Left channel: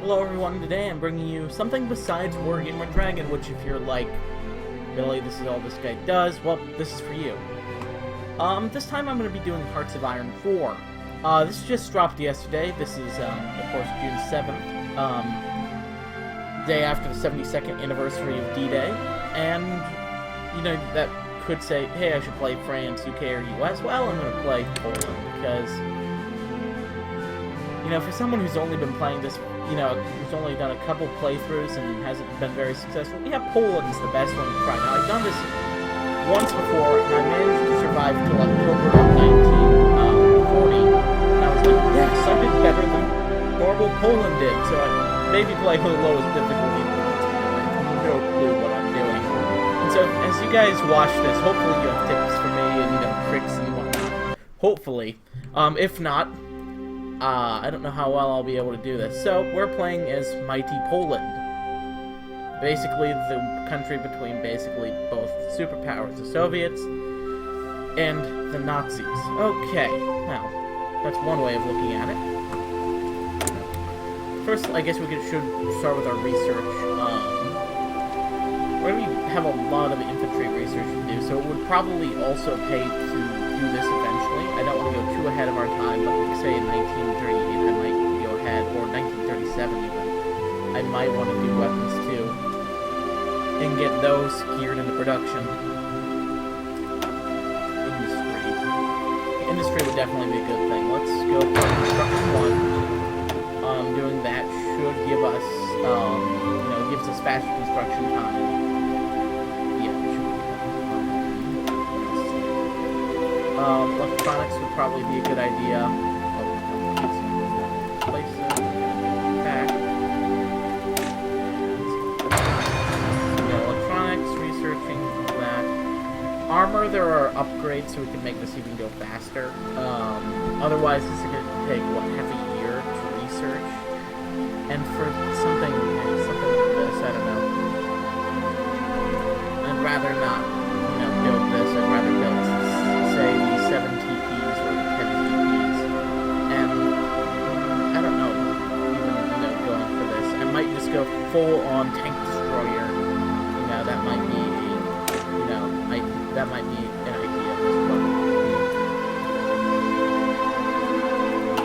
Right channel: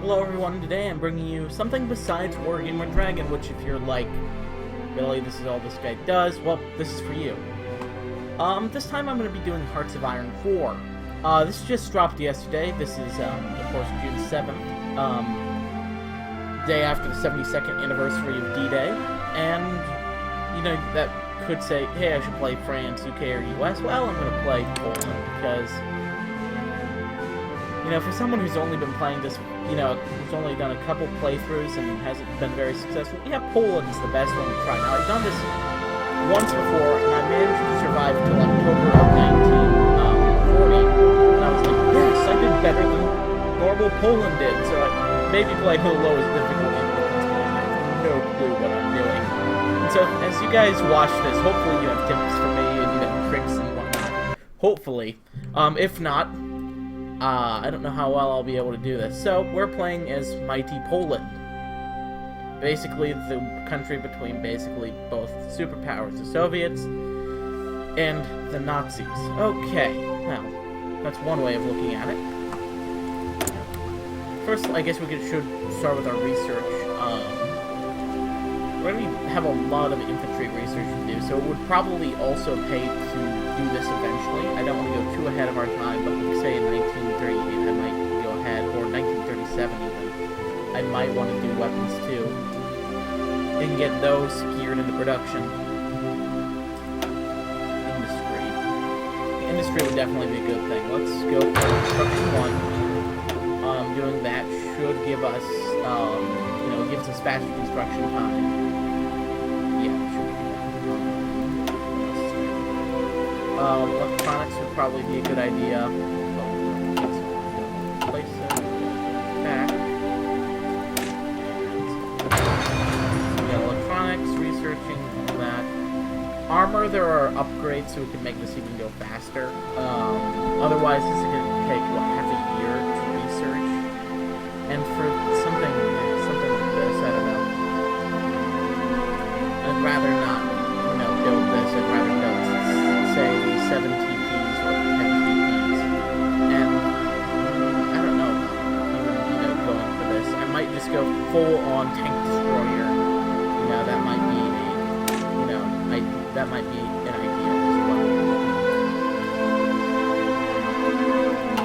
Hello everyone, today I'm bringing you something besides Wargamer Dragon, which if you're like, really, this is all this guy does, well, this is for you. This time I'm going to be doing Hearts of Iron 4. This just dropped yesterday. This is, of course, June 7th, day after the 72nd anniversary of D-Day, and, you know, that could say, hey, I should play France, UK, or US. Well, I'm going to play Poland, because, you know, for someone who's only been playing this, you know, who's only done a couple playthroughs and hasn't been very successful, yeah, Poland's the best one to try. Now, I've done this once before, and I managed to survive until October of 1940, and I was like, yes, I did better than normal Poland did, so I maybe play the lowest difficulty, but that's because I have no clue what I'm doing. And so, as you guys watch this, hopefully you have tips for me, and, you know, tricks and whatnot. Hopefully. If not, I don't know how well I'll be able to do this. So, we're playing as Mighty Poland. Basically, the country between basically both superpowers, the Soviets and the Nazis. Okay, now, that's one way of looking at it. First, I guess we should start with our research. We're going to have a lot of infantry research to do, so it would probably also pay to do this eventually. I don't want to go too ahead of our time, but like say in 1938 I might go ahead, or 1937 even. I might want to do weapons too, and get those geared into production. Industry would definitely be a good thing. Let's go for construction 1. Doing that should give us, you know, gives us faster construction time. Yeah, it should be good. What else is there? Electronics would probably be a good idea. Oh, no, place it. Back. And yeah, electronics, researching that. Armor, there are upgrades so we can make this even go faster. Otherwise, this is going to take, what, half a year to research? And for something like this, I don't know. I'd rather not, you know, build this. I'd rather build, say, the 7 TPs or 10 TPs. And I don't know, even, you know, going for this. I might just go full-on tank destroyer. You know, that might be a, you know, that might be an idea as well.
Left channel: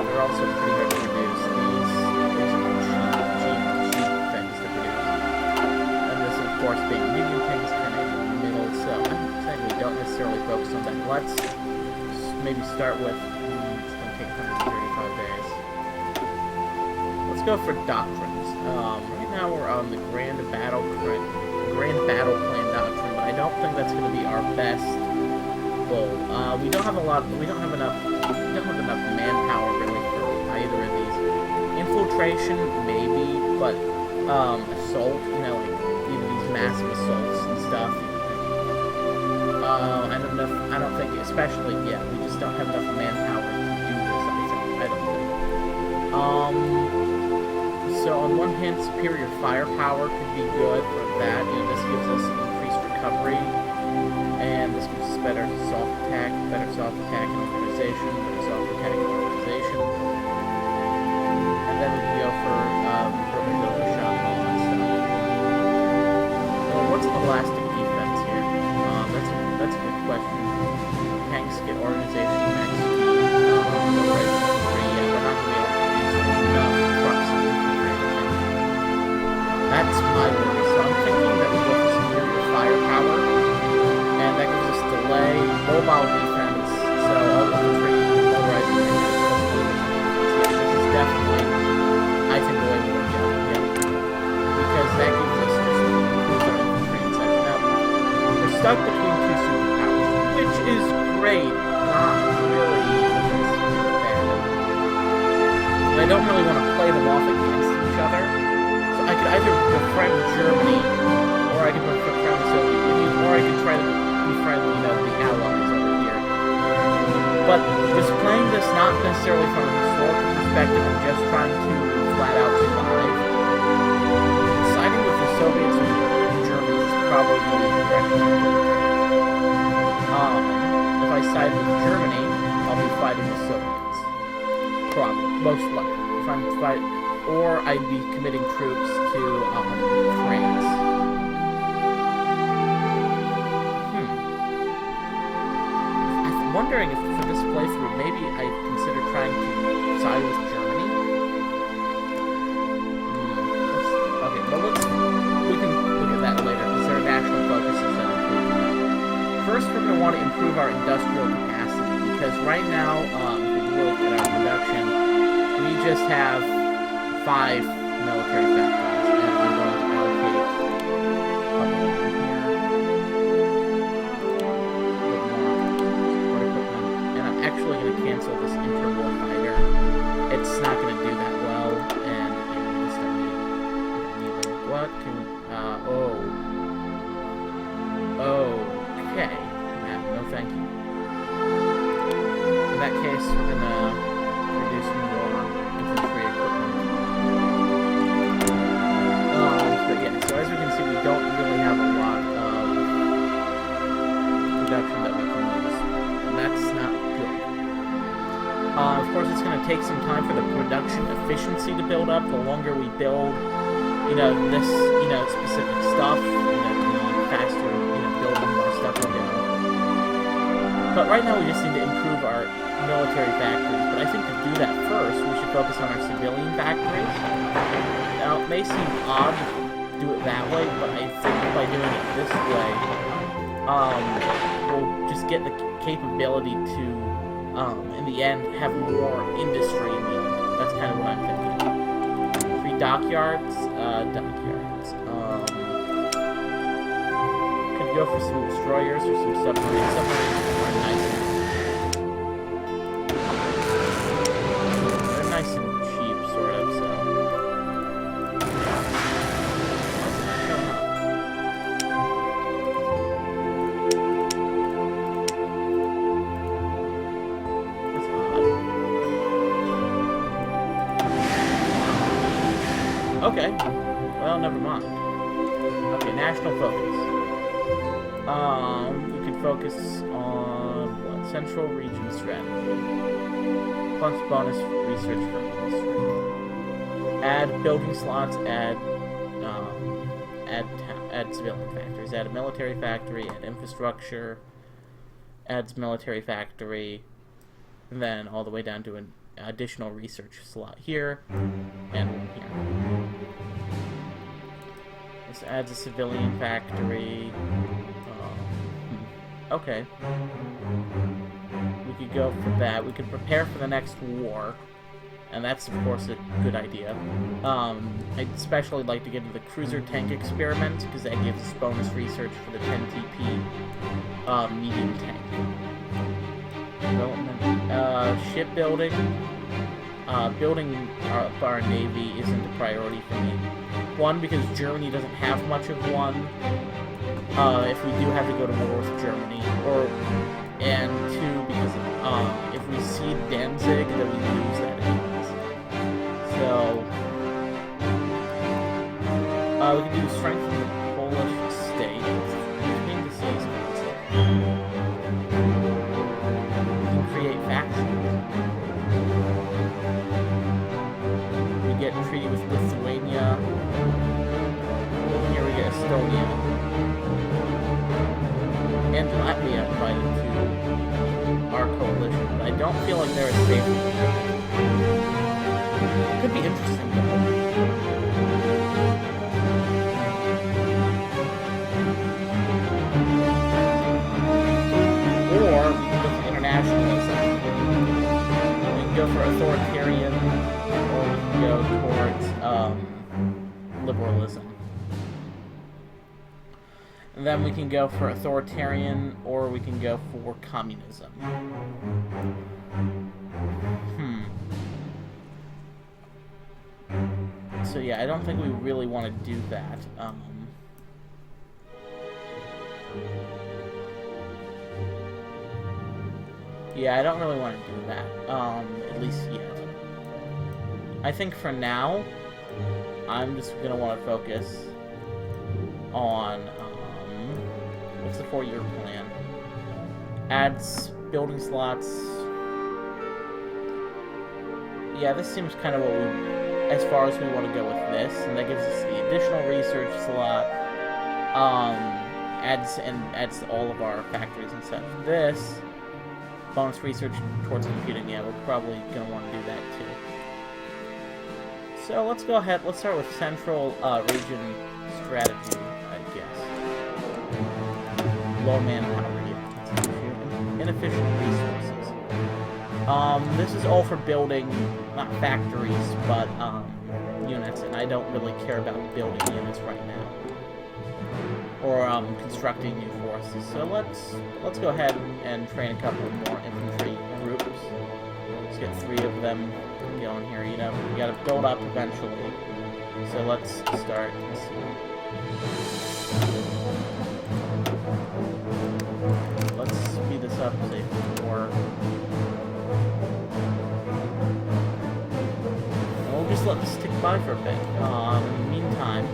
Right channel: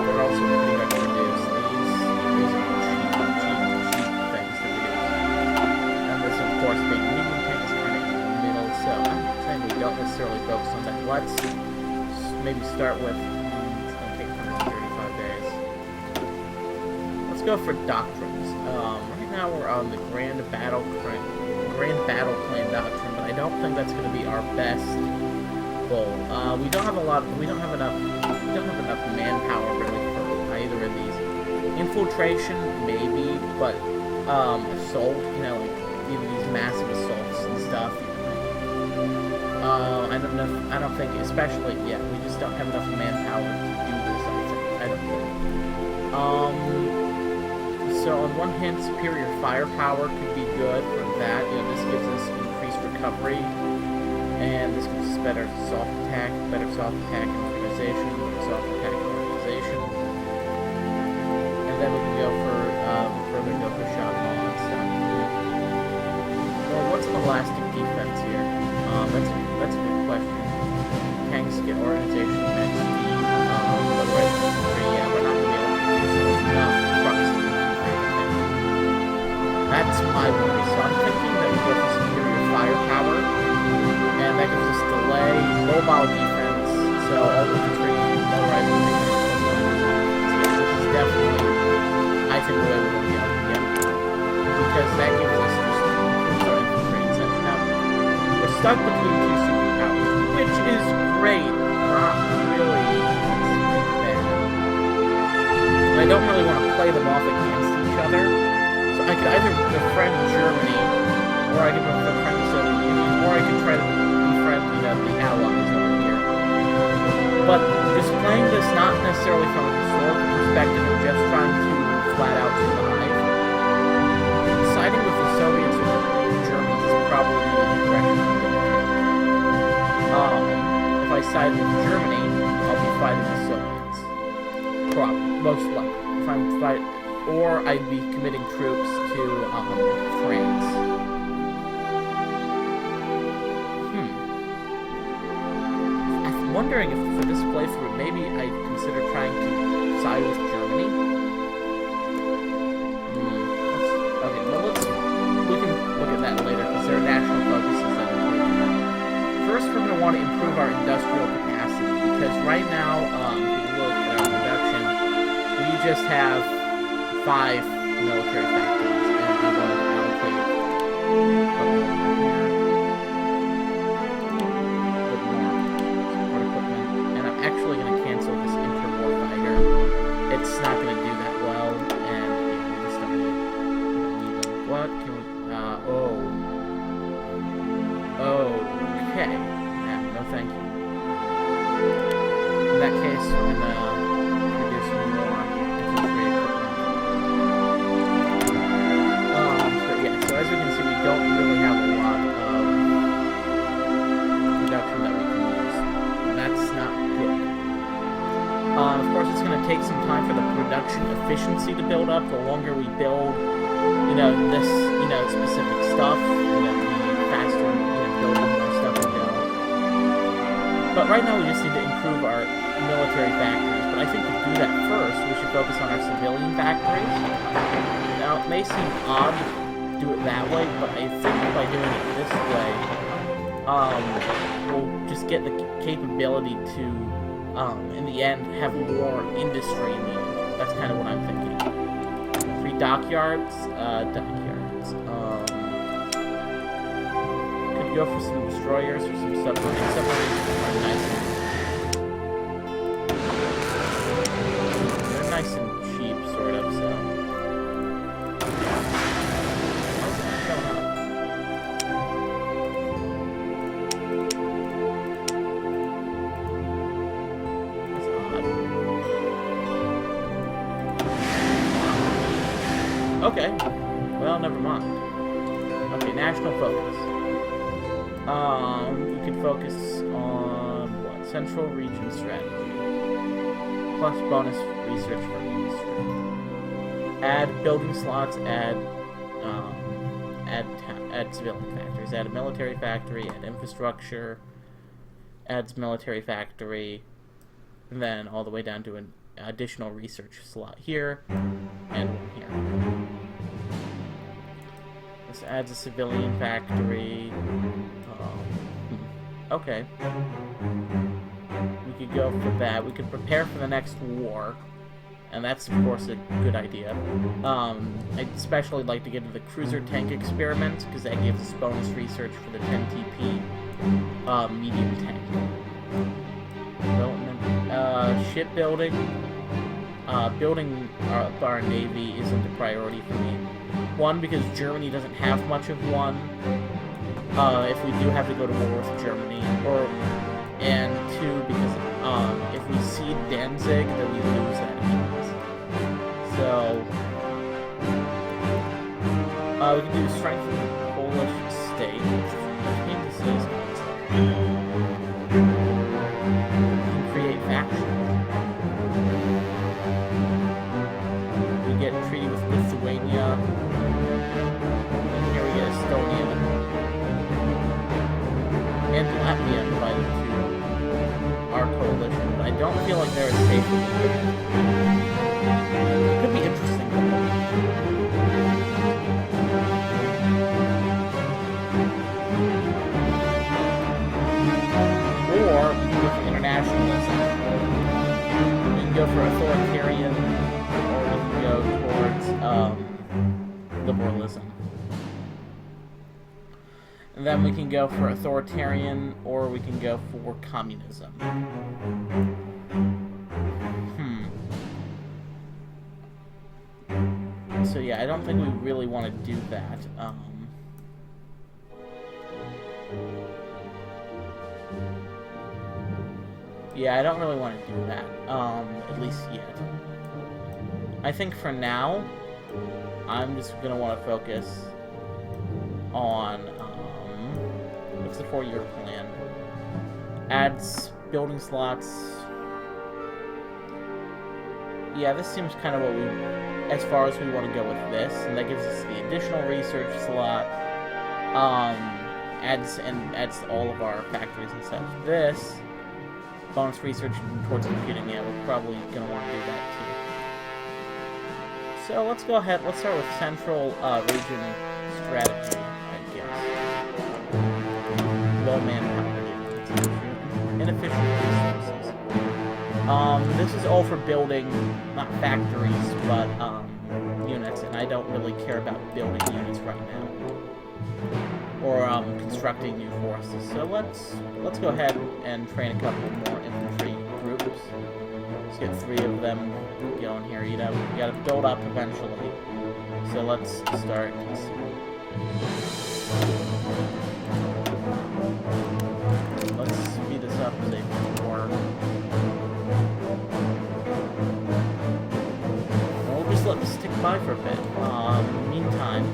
They're also pretty hard to produce. These are cheap things to produce. And this, of course, being a medium tank is kind of in the middle, so I'm saying we don't necessarily focus on that. Let's maybe start with, it's going to take 135 days. Let's go for doctrines. Right now we're on the Grand Battle Plan Doctrine, but I don't think that's going to be our best goal. We don't have enough manpower really for either of these. Infiltration, maybe, but assault, you know, like even these massive assaults and stuff. I don't think, especially, yeah, we just don't have enough manpower to do this. I don't think. So on one hand, superior firepower could be good for that. You know, this gives us increased recovery, and this gives us better soft attack and organization, and then we can go for further go for shot ball and stuff. Or what's elastic defense here? That's a good question. Tanks get organization, max speed, right infantry. Yeah, we're not gonna be able to use enough trucks and infantry. That's my worry. So I'm thinking that we go for superior firepower, and that gives us delay, mobile defense, so all infantry, motorized infantry, plus 20% defense. Yeah, this is definitely, I think, the way we want to go. Yeah. Because that gives us just improves our infantry and such. Now, we're stuck between two superpowers, which is great, not really, it's pretty bad. And I don't really want to play them off against each other. I could either befriend Germany, or I could befriend the Soviet Union, or I could try to befriend, you know, the Allies over here. But just playing this not necessarily from a historical perspective and just trying to flat out survive, siding with the Soviets or the Germans is probably going to be the direction I'm going to take. If I side with Germany, I'll be fighting the Soviets. Probably, most likely. If I'm or I'd be committing troops to France. I'm wondering if for this playthrough, maybe I'd consider trying to side with Germany. Okay, well we can look at that later, because there are national focuses that improve that. First, we're going to want to improve our industrial capacity, because right now, if we look at our production, we just have 5 military factories, and I'm going to allocate a couple of them here. A bit more support equipment, and I'm actually going to cancel this interwar fighter. It's not going to do that well, and yeah, we just don't need them. What can we? Okay. No, thank you. In that case, we're going to produce more infantry equipment. But yeah, so as we can see, we don't really have a lot of production that we can use. And that's not good. Of course, it's going to take some time for the production efficiency to build up. The longer we build, this, specific stuff, the faster, building more stuff will go. But right now we just need to improve our military factories. But I think to do that first, we should focus on our civilian factories. Now, it may seem odd to do it that way, but I think by doing it this way, we'll just get the capability to, in the end, have more industry in the end. That's kind of what I'm thinking. 3 dockyards? Could go for some destroyers or some submarines. Submarines are nice. They're nice and cheap, sort of, so. Why is it not showing up? That's odd. Okay. Well, never mind. Okay, national focus. We could focus on, what? Central region strategy. Plus bonus research for industry. Add building slots, add civilian factories. Add a military factory, add infrastructure, adds military factory, and then all the way down to an additional research slot here, and one here. This adds a civilian factory. Okay. We could go for that. We could prepare for the next war. And that's, of course, a good idea. I'd especially like to get into the cruiser tank experiment, because that gives us bonus research for the 10 TP medium tank. Development. Shipbuilding. Building our navy isn't a priority for me. One, because Germany doesn't have much of one. If we do have to go to war with Germany, and 2, because if we cede Danzig, then we lose that anyways. So we can do strengthen the Polish state between the seas. We can create factions. We get a treaty with Lithuania. And here we get Estonia. And Latvia invited to our coalition, but I don't feel like they're as safe as we could. It could be interesting, though. Or we can go for internationalism. We can go for authoritarian, or we can go towards liberalism. And then we can go for authoritarian, or we can go for communism. So yeah, I don't think we really want to do that. Yeah, I don't really want to do that, at least yet. I think for now, I'm just going to want to focus on, what's the 4-year plan? Adds building slots. Yeah, this seems kind of what we as far as we want to go with this, and that gives us the additional research slot. Adds to all of our factories and such. This bonus research towards computing. Yeah, we're probably gonna want to do that too. So let's go ahead. Let's start with central region strategy, I guess. Low manpower. Yeah, that's an issue. Inefficient resources. This is all for building, not factories, but units, and I don't really care about building units right now, or constructing new forces. So let's go ahead and train a couple more infantry groups. Let's get 3 of them going here. You know, you gotta build up eventually. So let's start. Let's see. Let's speed this up, say 4. And we'll just let this tick by for a bit. Meantime,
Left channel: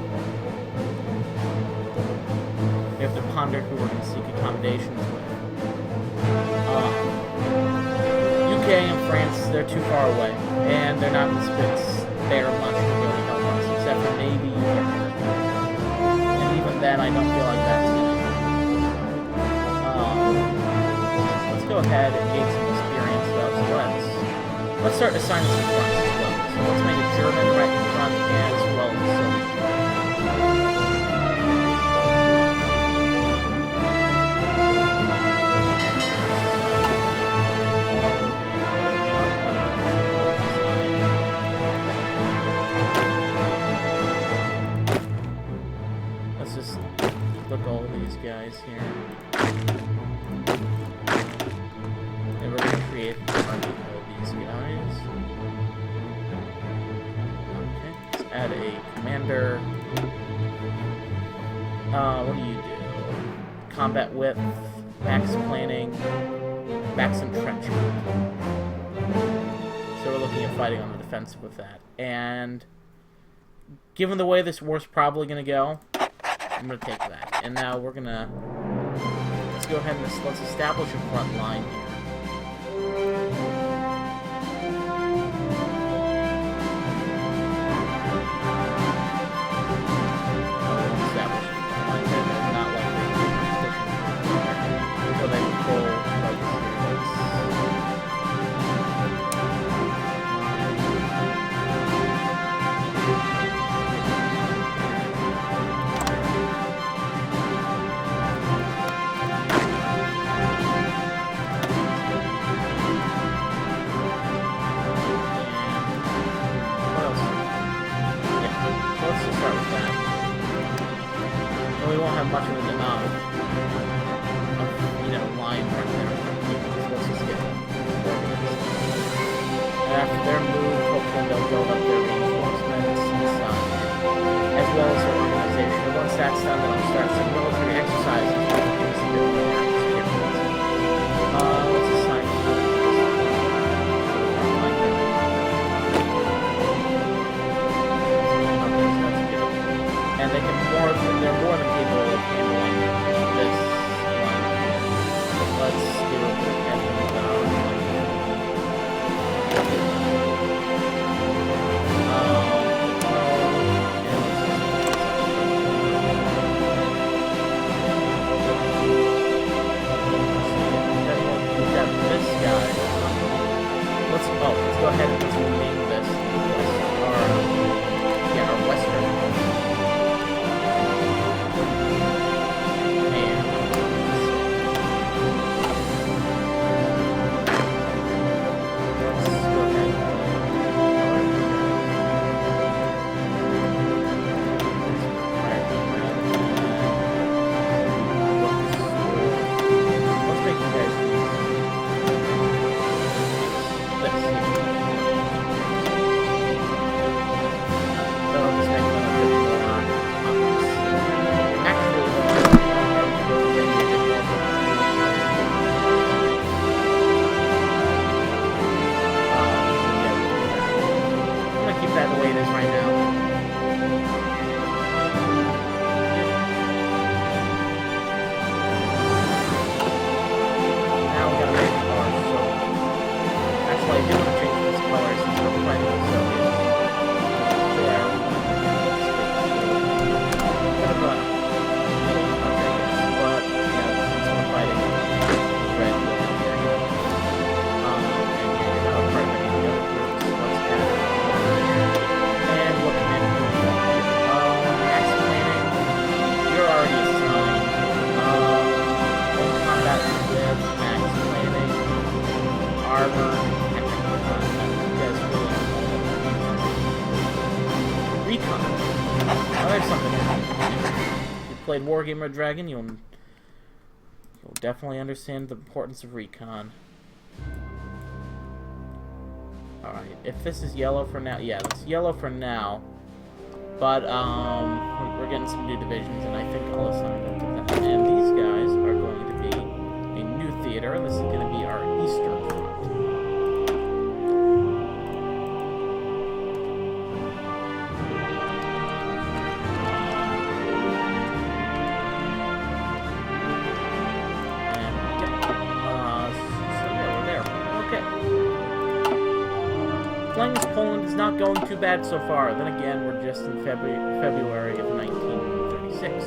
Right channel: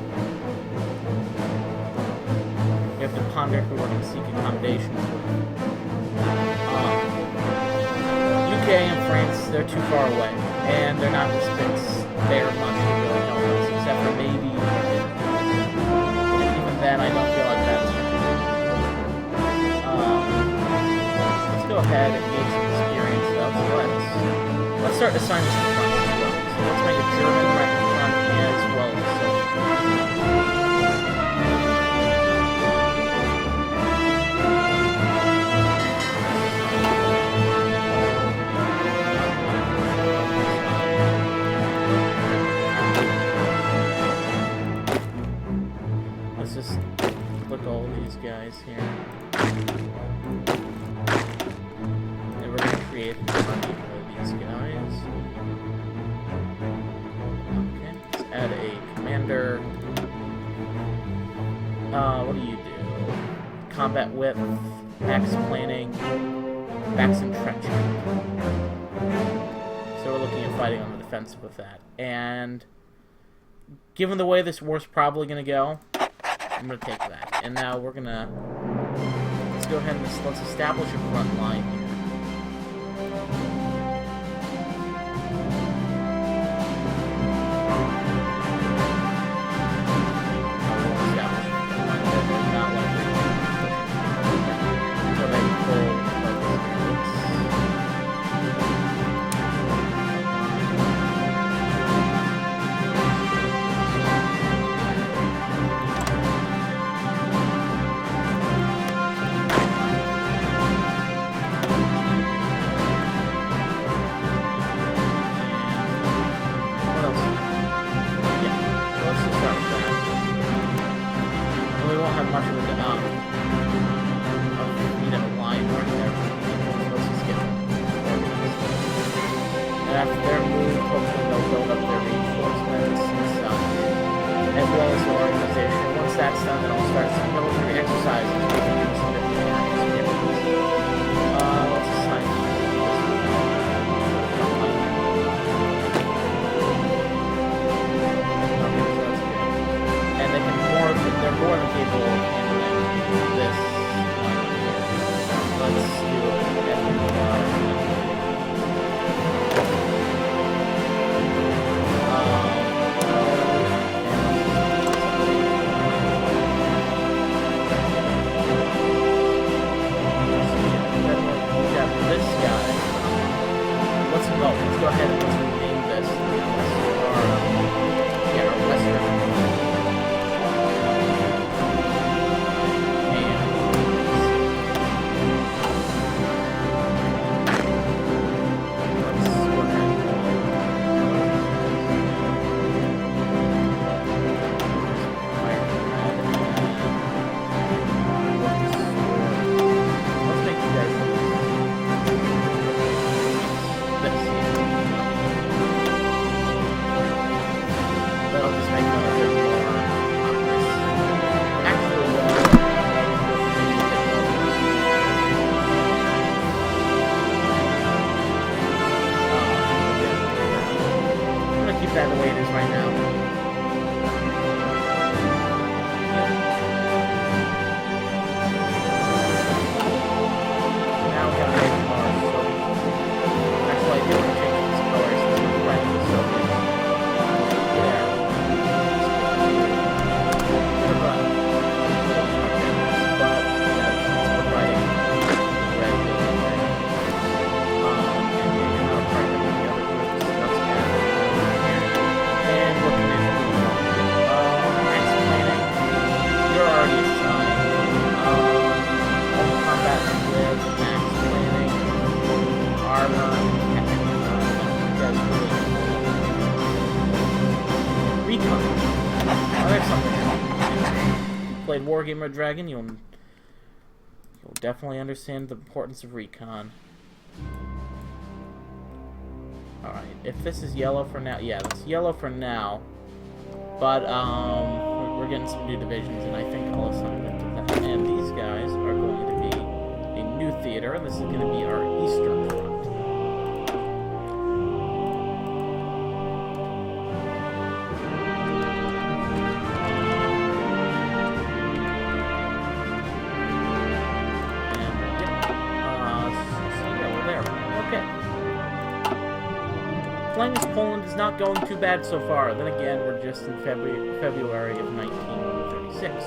we have to ponder who we're going to seek accommodations with. UK and France, they're too far away, and they're not going to spare much to really help us, except for maybe Europe. And even then, I don't feel like that's going to let's go ahead and gain some experience, though. So let's start assigning some fronts as well. So let's make a German right front as well as a Soviet front. Let's just look all these guys here. And we're going to create an army of these guys. Okay, let's add a commander. What do you do? Combat width, max planning, max entrenchment. So we're looking at fighting on the defensive with that. And given the way this war's probably going to go, I'm going to take that. And now we're going to... Let's go ahead and let's establish a front line here. Now we won't establish a front line there. They're not likely to be pushing until they have full focus here. Much of a line right there. So let's just get them organized. And after their move, hopefully they'll build up their reinforcements and such, as well as their organization. And once that's done, then I'll start some military exercises, which will give us a bit more experience. Let's assign this to the front line there. Okay, so that's good. And they're more than capable of handling this line right here. Let's do a bit of editing and let's just then we've got this guy. Let's go ahead and let's rename this our Western. That'll just make them a bit more obvious. Actually, though, maybe a bit more. I'm gonna keep that the way it is right now. Now we gotta make our Soviet. Actually, I do want to change this color since we're fighting the Soviets. recon. Oh, there's something in here. If you played Wargamer Dragon, you'll definitely understand the importance of recon. Alright, if this is yellow for now, yeah, that's yellow for now. But, we're getting some new divisions, and I think I'll assign them to that. And these guys are going to be a new theater, and this is going to be our Eastern Front. And, yep. So yeah, we're there. Okay. Playing as Poland is not going too bad so far. Then again, we're just in February of 1936.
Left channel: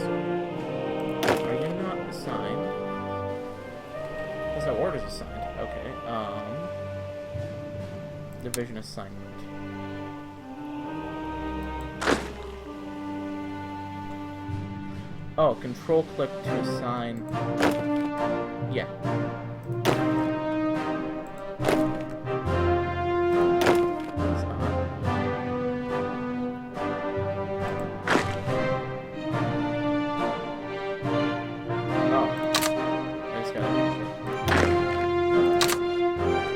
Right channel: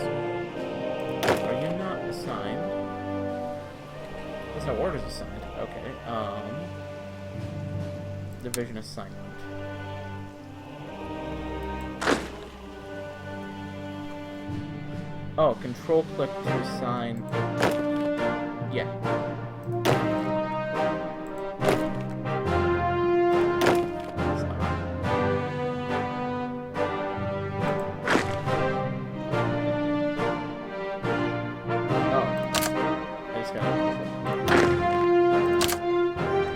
Are you not assigned? There's no orders assigned. Okay. Division assignment. Oh, control click to assign. Yeah.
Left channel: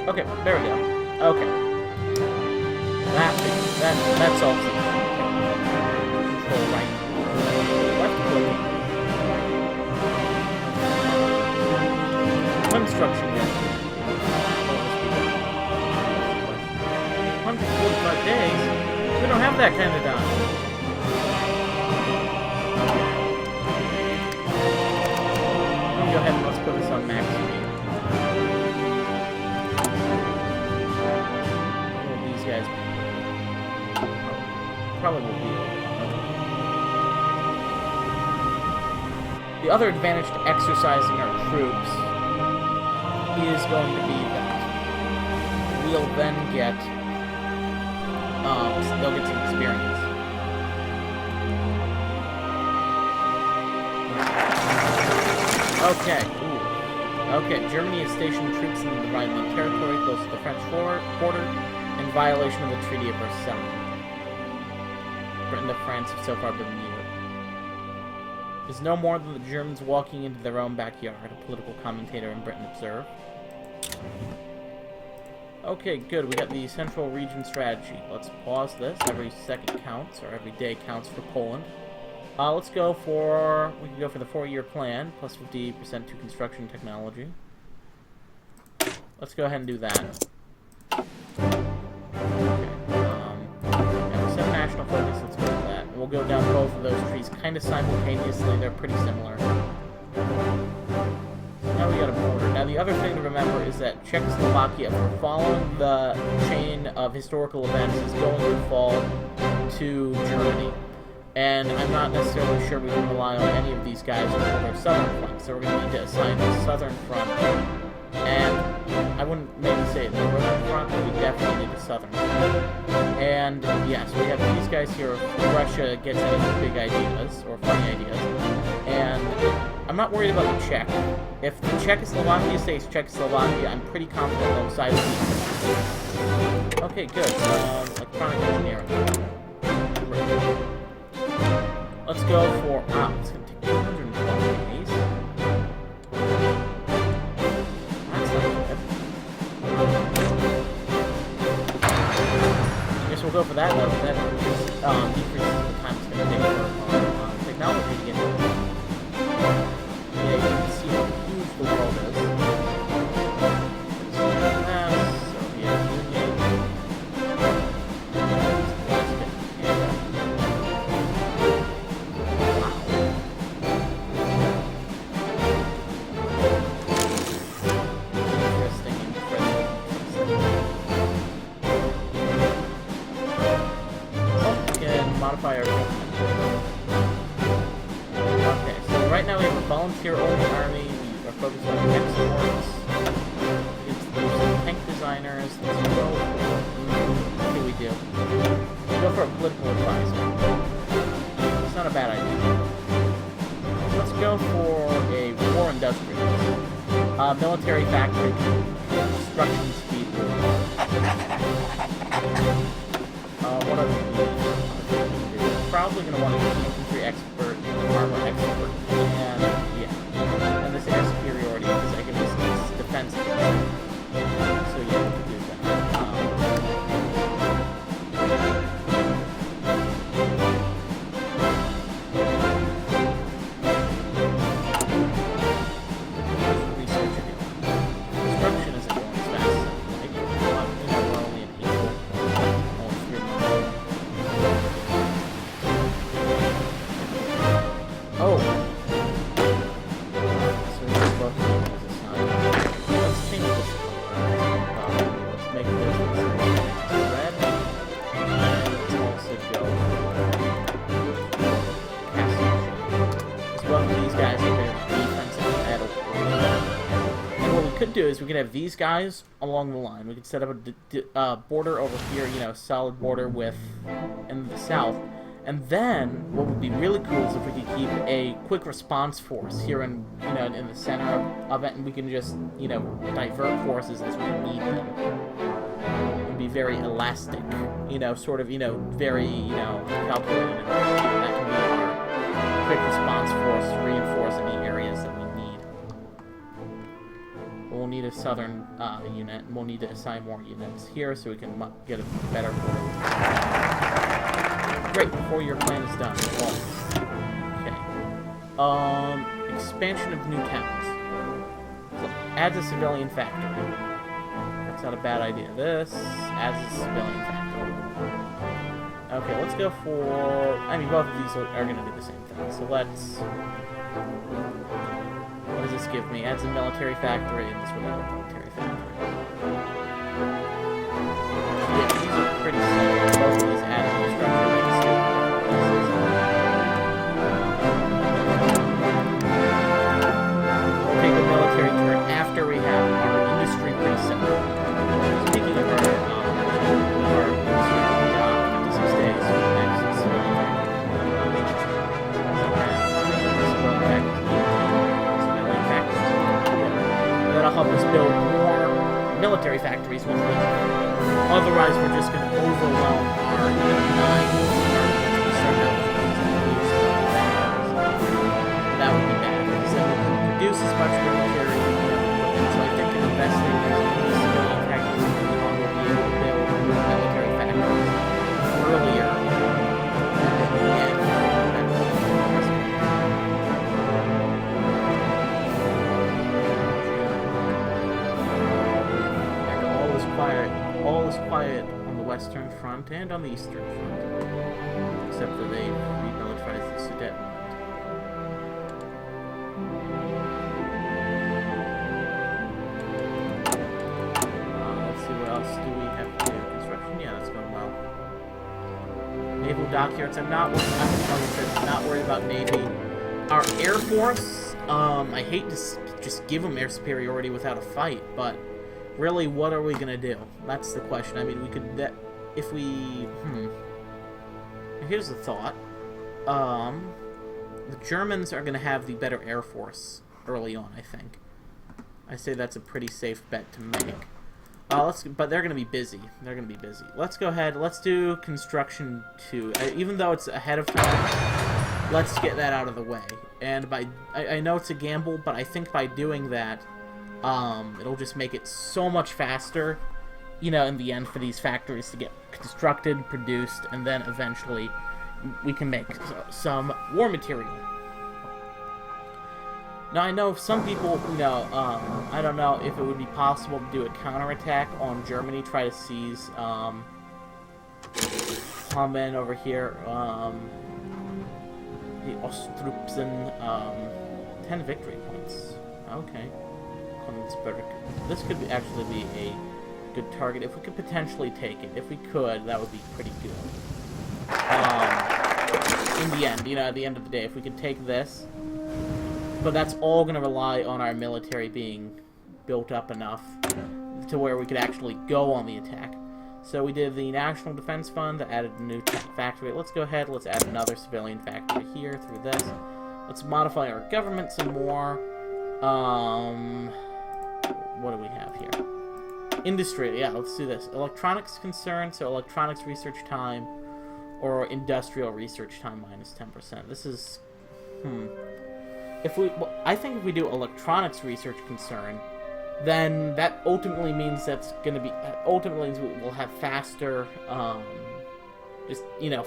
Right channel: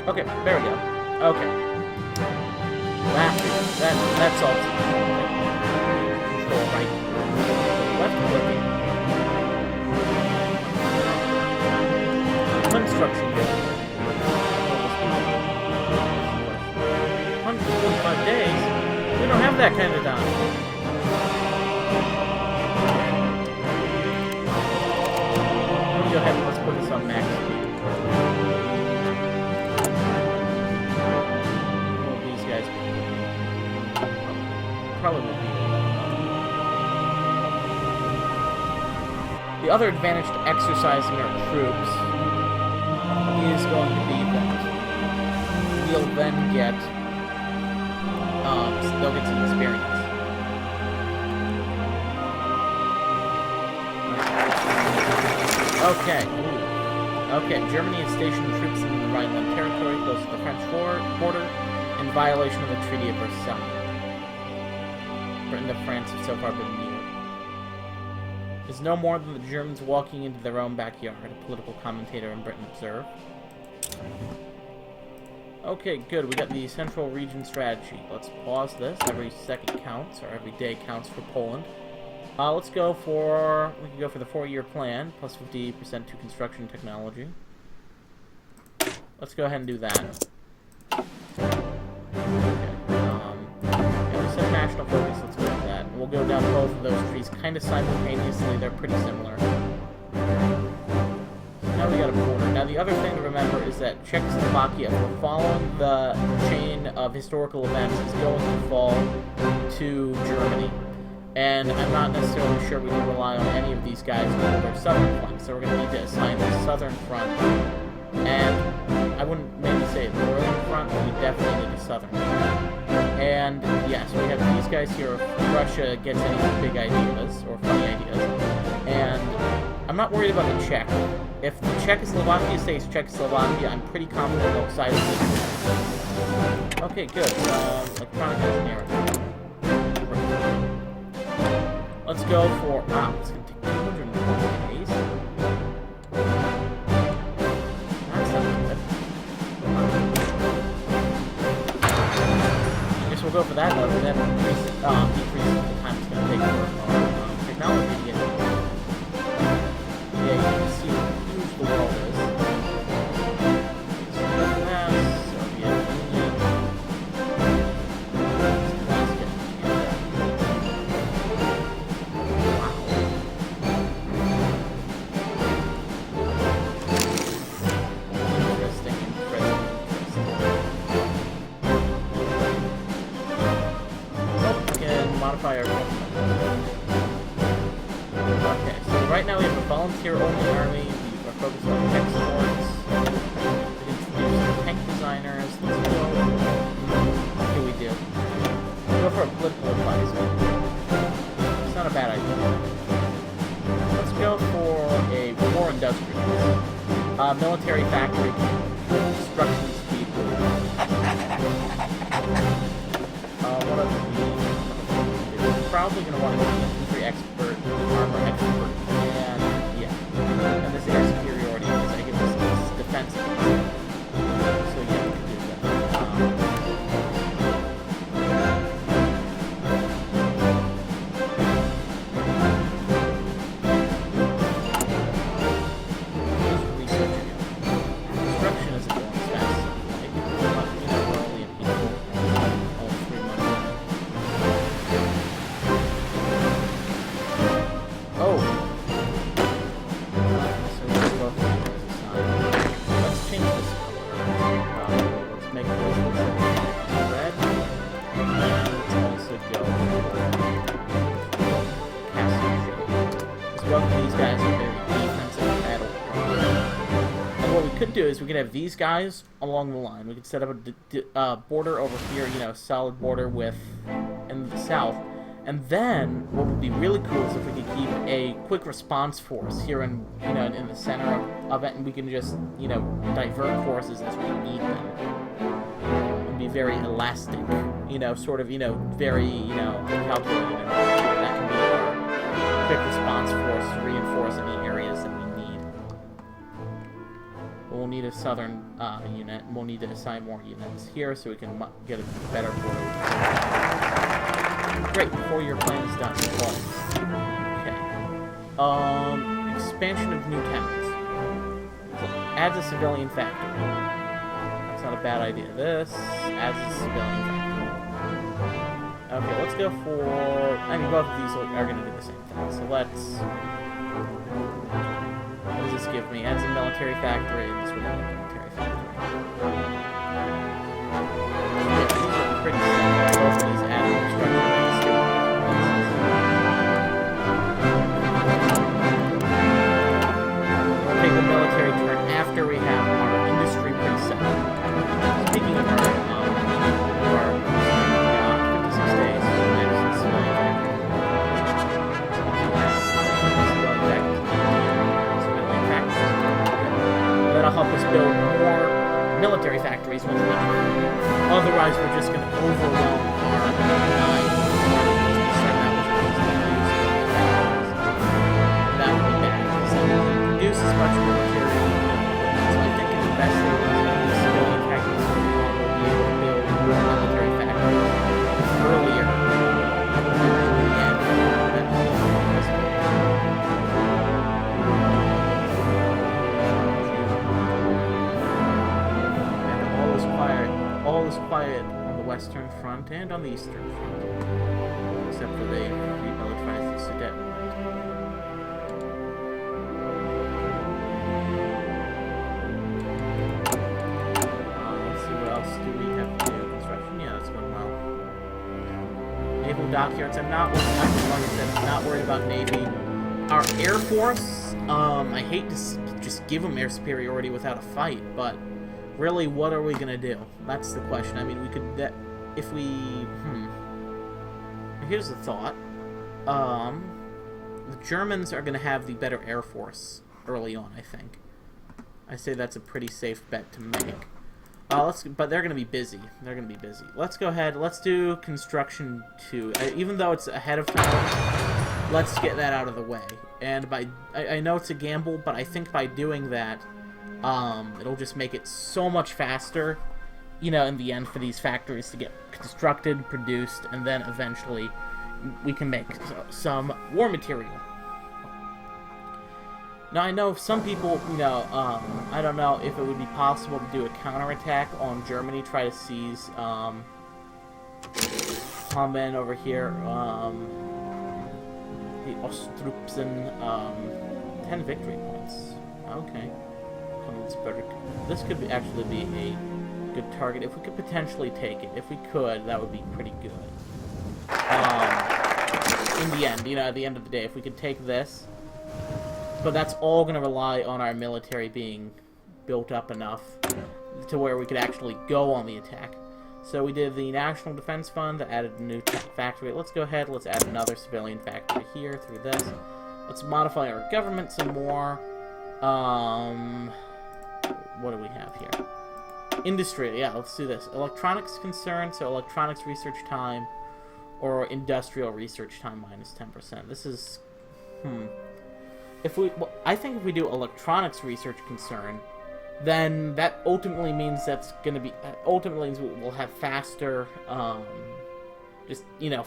Okay, there we go. Okay. That solves it. Control right. Left clicking. Construction guild. Will this be done? That's the question. 145 days? We don't have that kind of time. Let me go ahead and let's put this on max speed. Guys probably will be the other advantage to exercising our troops is going to be that we'll then get they'll get some experience. Okay. Ooh. Okay. Germany has stationed troops in the Rhineland territory close to the French border. In violation of the Treaty of Versailles. Britain and France have so far been mute. It's no more than the Germans walking into their own backyard, a political commentator in Britain observed. Okay, good. We got the Central Region Strategy. Let's pause this. Every second counts, or every day counts for Poland. Let's go for... We can go for the 4-year plan, plus 50% to construction technology. Let's go ahead and do that. National focus, let's go with that. And we'll go down both of those trees kind of simultaneously. They're pretty similar. So now we got a border. Now the other thing to remember is that Czechoslovakia, if we're following the chain of historical events, is going to fall to Germany. And I'm not necessarily sure we can rely on any of these guys to hold our southern flank. So we're going to need to assign the southern front. And I wouldn't maybe say the northern front, but we definitely need a southern front. And, yeah, so we have these guys here if Russia gets any big ideas, or funny ideas. And I'm not worried about the Czech. If the Czechoslovakia stays Czechoslovakia, I'm pretty confident they'll side with me. Okay, good. Electronic engineering. Great. Let's go for... it's going to take 220 days. That's not good. We'll go for that, though, because that decreases the time it's going to take for our technology to get in. Yeah, you can see how huge the world is. Soviet Union, Alaska, Canada. Wow. Interesting. Modify our government. Okay, so right now we have a volunteer-only army. We are focused on exports. We can use some tank designers. Let's go. What do we do? We'll go for a political advisor. It's not a bad idea. Let's go for a war industrialist. Military factory construction speed rule. What are the probably going to want to get the infantry expert, the armor expert, and yeah, and this air superiority because I give this defense against it. So yeah, we can do that. How's research going? Construction isn't going as fast as I'd like, but you know we're only in April, only 3 months in. Oh. So we just both need as a sign. Let's change this color. Let's make this red. And let's also go for castle shape. Because both of these guys are very defensive at all. And what we could do is we could have these guys along the line. We could set up a border over here, you know, solid border with in the south. And then, what would be really cool is if we could keep a quick response force here in, you know, in the center of it, and we can just, you know, divert forces as we need them. And be very elastic, you know, sort of, you know, very, you know, calculated. And that can be our quick response force to reinforce any areas that we need. We'll need a southern unit, and we'll need to assign more units here so we can get a better border with Great, before your plan is done. Okay. Expansion of new towns. Adds a civilian factory. That's not a bad idea. This adds a civilian factory. Okay, let's go for... I mean, both of these are going to do the same thing. So let's... What does this give me? Adds a military factory, and this would add a military factory. Yeah, these are pretty similar. Both of these add a structure. Take the military turn after we have our industry pretty set. Speaking of our industry, yeah, 56 days for the next civilian factory. Civilian factories. Yeah. That'll help us build more military factories once we can. Otherwise, we're just going to overwhelm our line. We start out with civilian factories. That would be bad because then we can produce as much military equipment. So I think in investing in these civilian factories early on, we'll be able to build more military factories earlier, and then in the end, better investment. And all is quiet on the western front and on the eastern front, except for they remilitarized the Sudetenland. What else do we have to do? Construction? Yeah, that's going well. Naval dockyards. I'm like I said, not worried about Navy. Our Air Force, I hate to just give them air superiority without a fight, but really, what are we going to do? That's the question. I mean, we could, if we, Here's the thought. The Germans are going to have the better Air Force early on, I think. I say that's a pretty safe bet to make. But they're going to be busy. They're going to be busy. Let's go ahead. Let's do construction 2. Even though it's ahead of time, let's get that out of the way. And I know it's a gamble, but I think by doing that, it'll just make it so much faster, you know, in the end for these factories to get constructed, produced, and then eventually we can make some war material. Now, I know some people, you know, I don't know if it would be possible to do a counterattack on Germany, try to seize, Hammen over here, the Ostrupsen, 10 victory points. Okay. Königsberg. This could actually be a good target. If we could potentially take it, if we could, that would be pretty good. In the end, you know, at the end of the day, if we could take this. But that's all going to rely on our military being built up enough to where we could actually go on the attack. So we did the National Defense Fund that added a new factory. Let's go ahead, let's add another civilian factory here through this. Let's modify our government some more. What do we have here? Industry, yeah, let's do this. Electronics concern, so electronics research time Or industrial research time minus 10%. This is... I think if we do electronics research concern, then that ultimately means that's going to be... Ultimately means we'll have faster...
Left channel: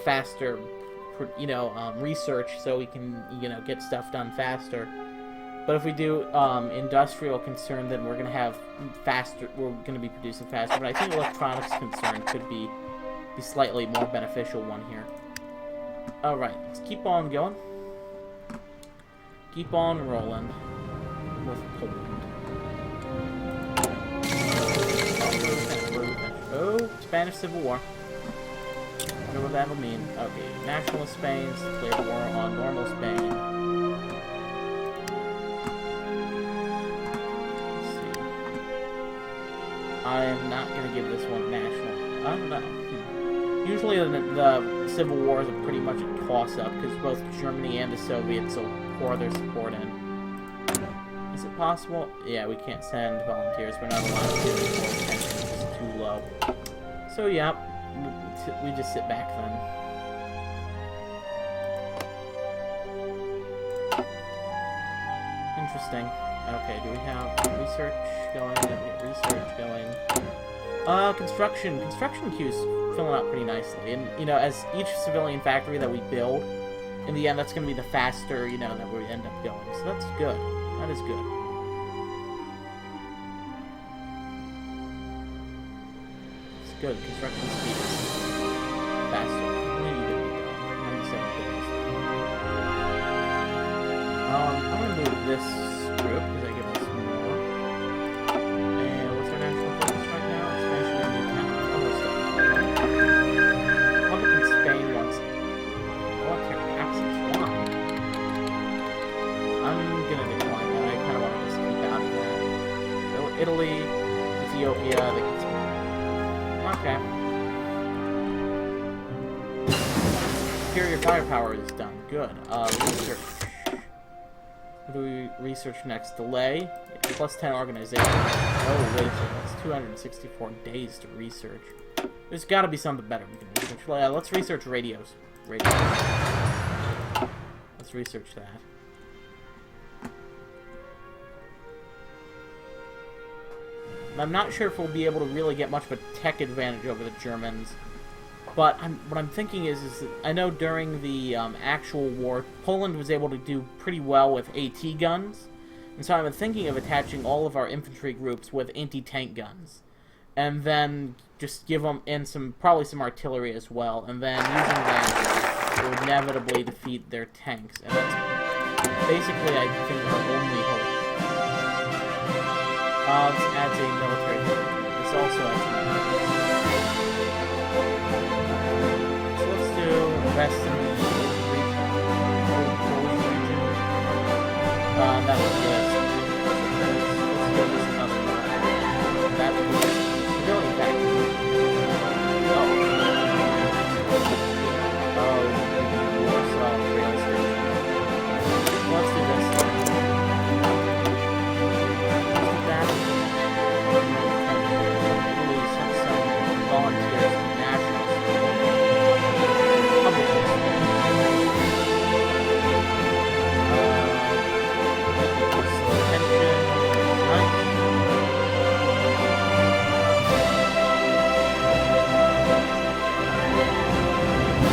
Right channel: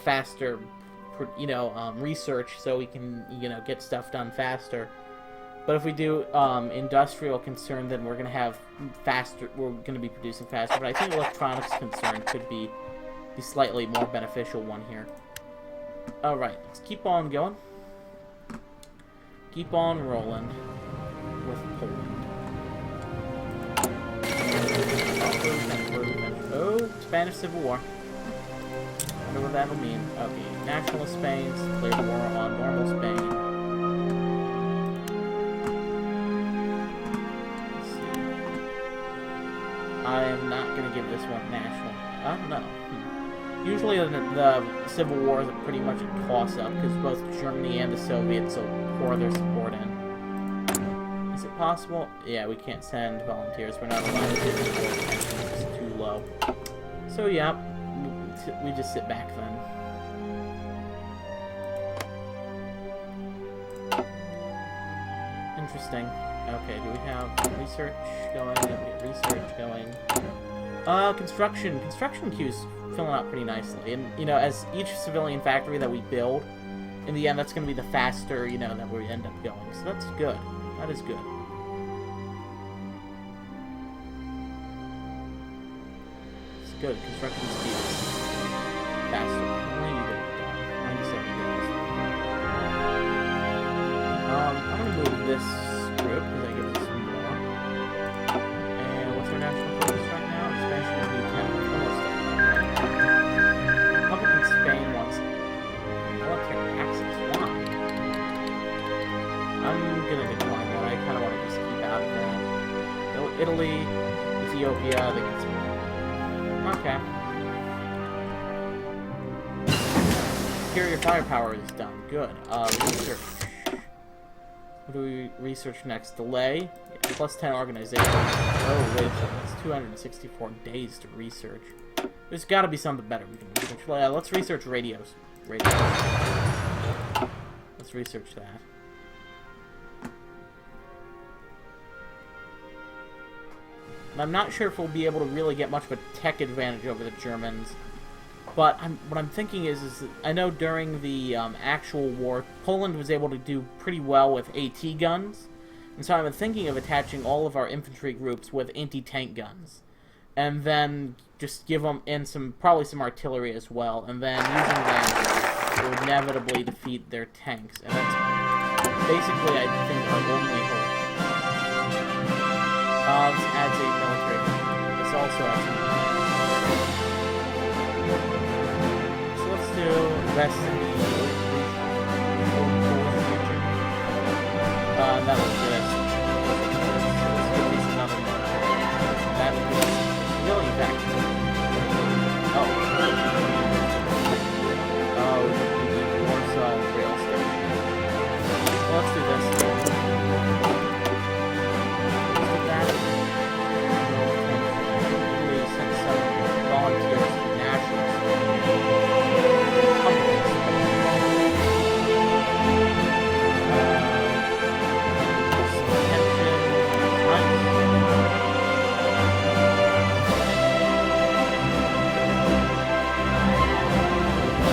faster... research, so we can, get stuff done faster. But if we do industrial concern, then we're going to have faster... We're going to be producing faster. But I think electronics concern could be slightly more beneficial one here. Alright, let's keep on going. Keep on rolling with Poland. Oh, Spanish Civil War. I wonder what that'll mean. Okay, Nationalist Spain, declared war on normal Spain. Let's see. I am not going to give this one national. I don't know. Usually the Civil Wars are pretty much a toss-up, because both Germany and the Soviets will pour their support in. Is it possible? Yeah, we can't send volunteers. We're not allowed to. The world tension is too low. So, yeah, we just sit back then. Interesting. Okay, do we have research going? Yeah, we have research going. Construction. Construction queues filling out pretty nicely. And, as each civilian factory that we build, in the end, that's going to be the faster, that we end up going. So that's good. That is good. It's good. Construction speed is faster. When are you going to be done? 97 days. I'm going to move this group, because that gives us more. And what's our national focus right now? Expansion of new town. Almost done. Republic in Spain wants military access. Why? I'm gonna decline that. I kind of want to just keep out of that. So Italy, Ethiopia, they get some... Okay. Superior firepower is done. Good. Research. What do we research next? Delay. Plus 10 organization. Oh, wait a second. That's 264 days to research. There's got to be something better we can research. Well, let's research radios. Let's research that. I'm not sure if we'll be able to really get much of a tech advantage over the Germans. But what I'm thinking is that I know during the actual war, Poland was able to do pretty well with AT guns. And so I'm thinking of attaching all of our infantry groups with anti-tank guns. And then just give them in probably some artillery as well. And then using that will inevitably defeat their tanks. And that's basically, I think, our only hope. This adds a military thing. This also adds a military. So let's do invest in the old Polish region. That'll get us. Let's give this another marker. That boosts civilian factory. Oh, the Warsaw rail station. Well, let's do this. Italy sent some volunteers to national support. Republican support. That gives us some attention. Nice.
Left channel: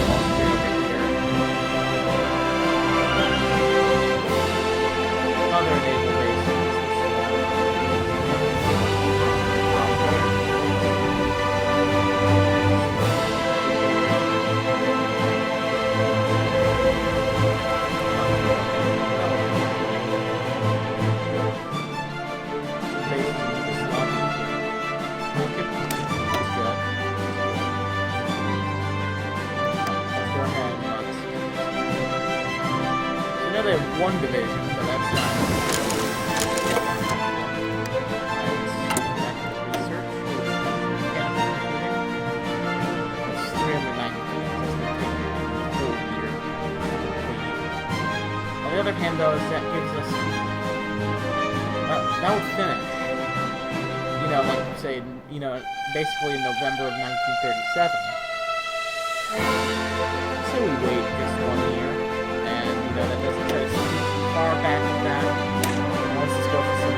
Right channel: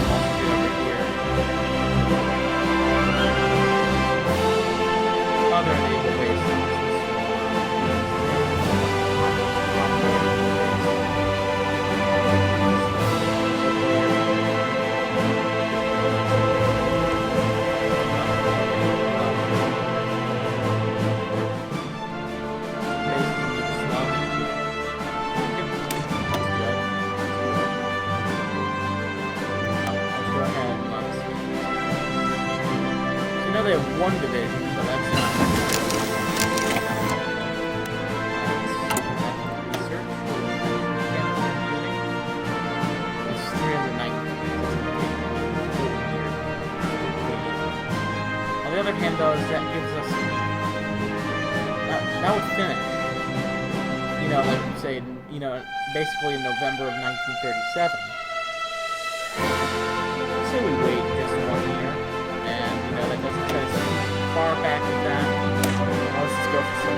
Austria over here. Other naval bases. They have one division, but that's not. Research. That's 390 points. That's going to take a whole year. On the other hand, though, is that gives us that would finish. Like say, basically in November of 1937. say we wait just 1 year, and you know that doesn't set us too far back with that. Let's just go for some.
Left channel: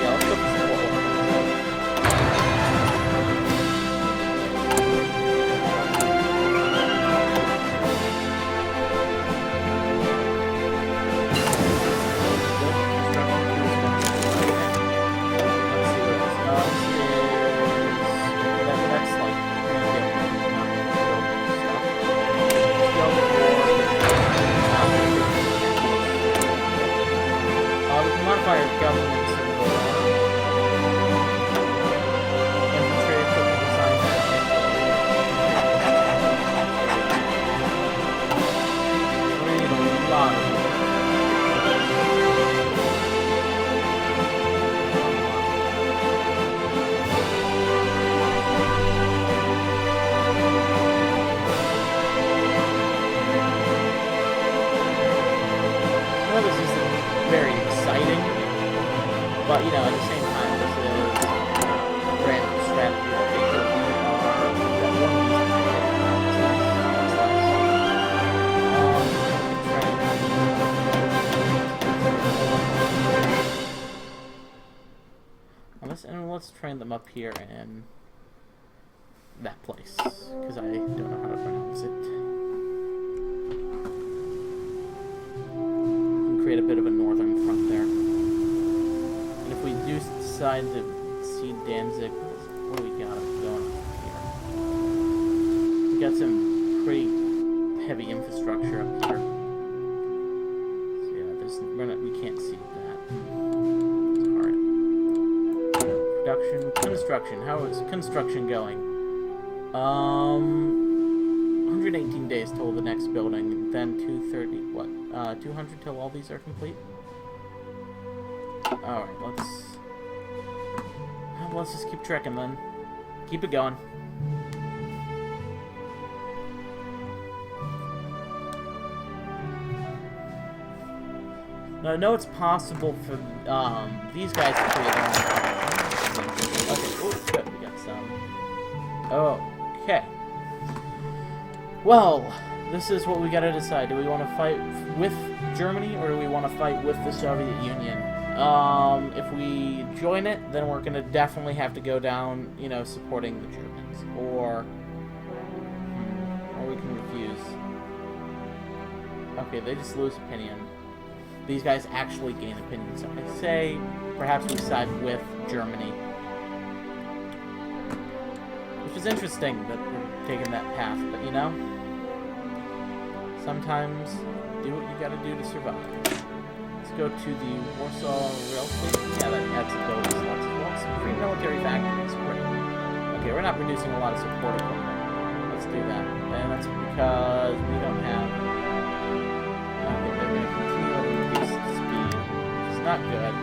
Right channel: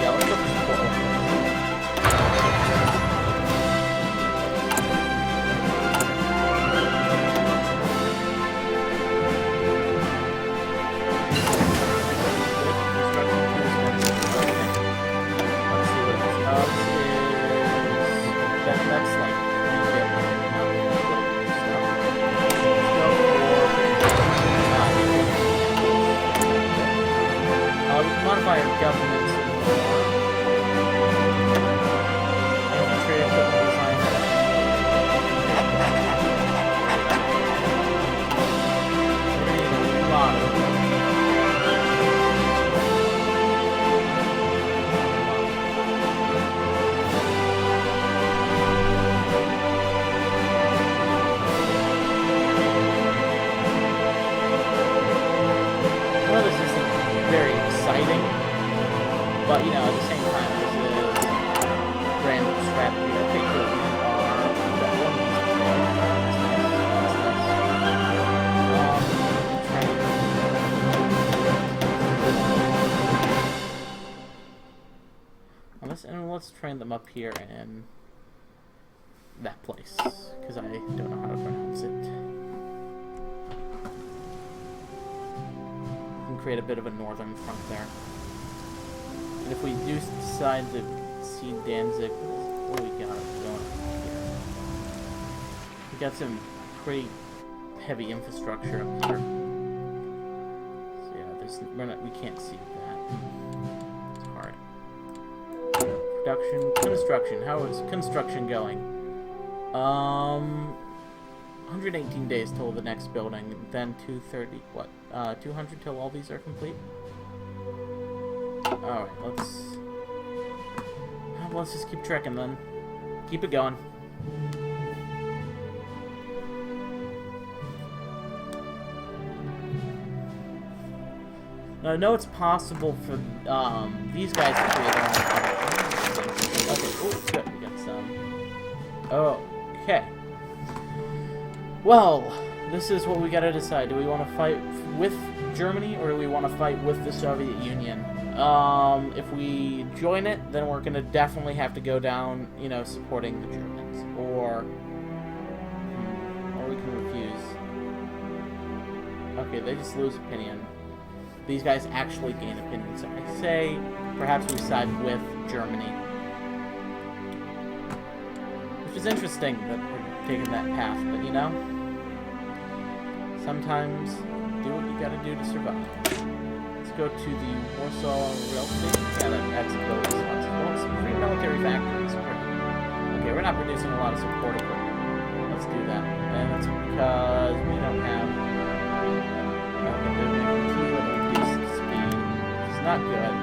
Yeah, let's go for some Port Oil. That's like rebuilding, not building new stuff. Let's go for the efficiency we can modify our government some more. Infantry equipment design. We're gonna need a lot of them. Well, this isn't very exciting, but you know, at the same time, this is brand new strategy. Okay, good. We are that one of these deployed. That's nice. Let's train them up here in that place, because I don't know how to pronounce it. Create a bit of a northern front there. And if we do decide to see Danzig, what do we got going on here? We got some pretty heavy infrastructure up here. So yeah, we can't see that. It's hard. Production, construction. How is construction going? 118 days till the next building, then 230, 200 till all these are complete? Alright, let's just keep trekking then. Keep it going. Now, I know it's possible for these guys to create their own production. Okay, oh, good, we got some. Okay. Well, this is what we gotta decide. Do we want to fight with Germany, or do we want to fight with the Soviet Union? If we join it, then we're gonna definitely have to go down, you know, supporting the Germans. Or we can refuse. Okay, they just lose opinion. These guys actually gain opinion, so I say perhaps we side with Germany. Which is interesting that we're taking that path, but you know, sometimes do what you gotta do to survive. Let's go to the Warsaw Rail Station. Yeah, that adds some building slots as well. Some free military factories. Okay, we're not producing a lot of support equipment. Let's do that. And that's because we don't have... Okay, they're gonna continue at a reduced speed, which is not good.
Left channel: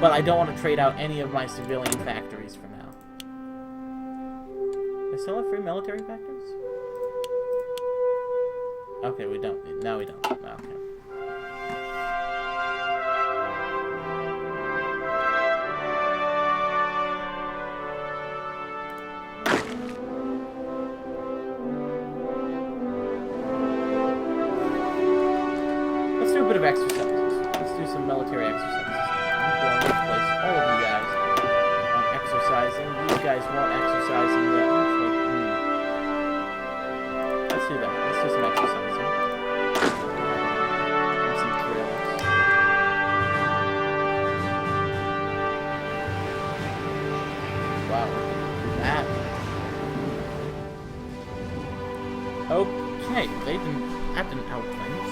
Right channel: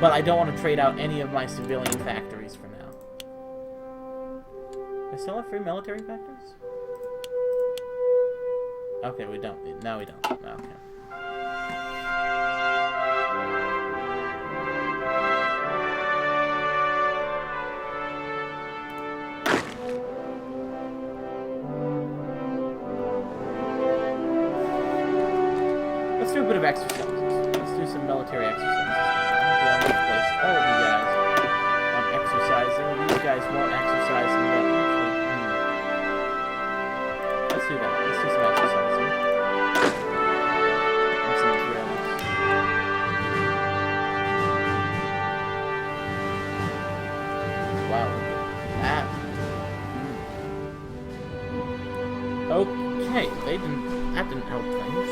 But I don't want to trade out any of my civilian factories for now. I still have free military factories? Okay, we don't. No, we don't. Okay. Let's do a bit of exercises. Let's do some military exercises. I'm going to place all of you guys on exercising. These guys won't exercise in the... Actually, let's do that. Let's do some exercising. And some drills. Wow, look at that. Okay, that didn't help things.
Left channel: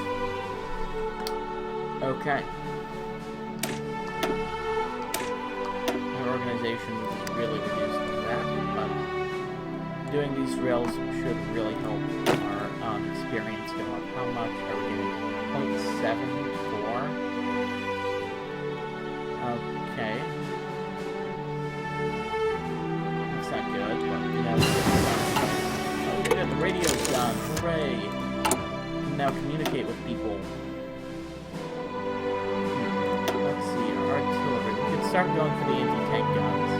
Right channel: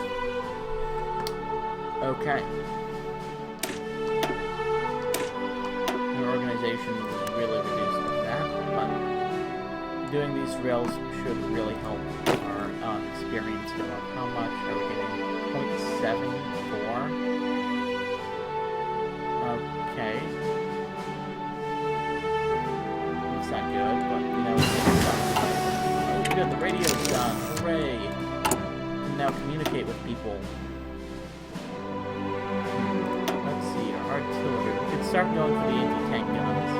Okay. Our organization was really reduced by that, but doing these drills should really help our experience go up. How much are we getting? 0.74? Okay. That's not good, but, you know, we're getting something. Oh, good, the radio's done. Hooray! We can now communicate with people. Let's see, our artillery. We could start going for the anti-tank guns.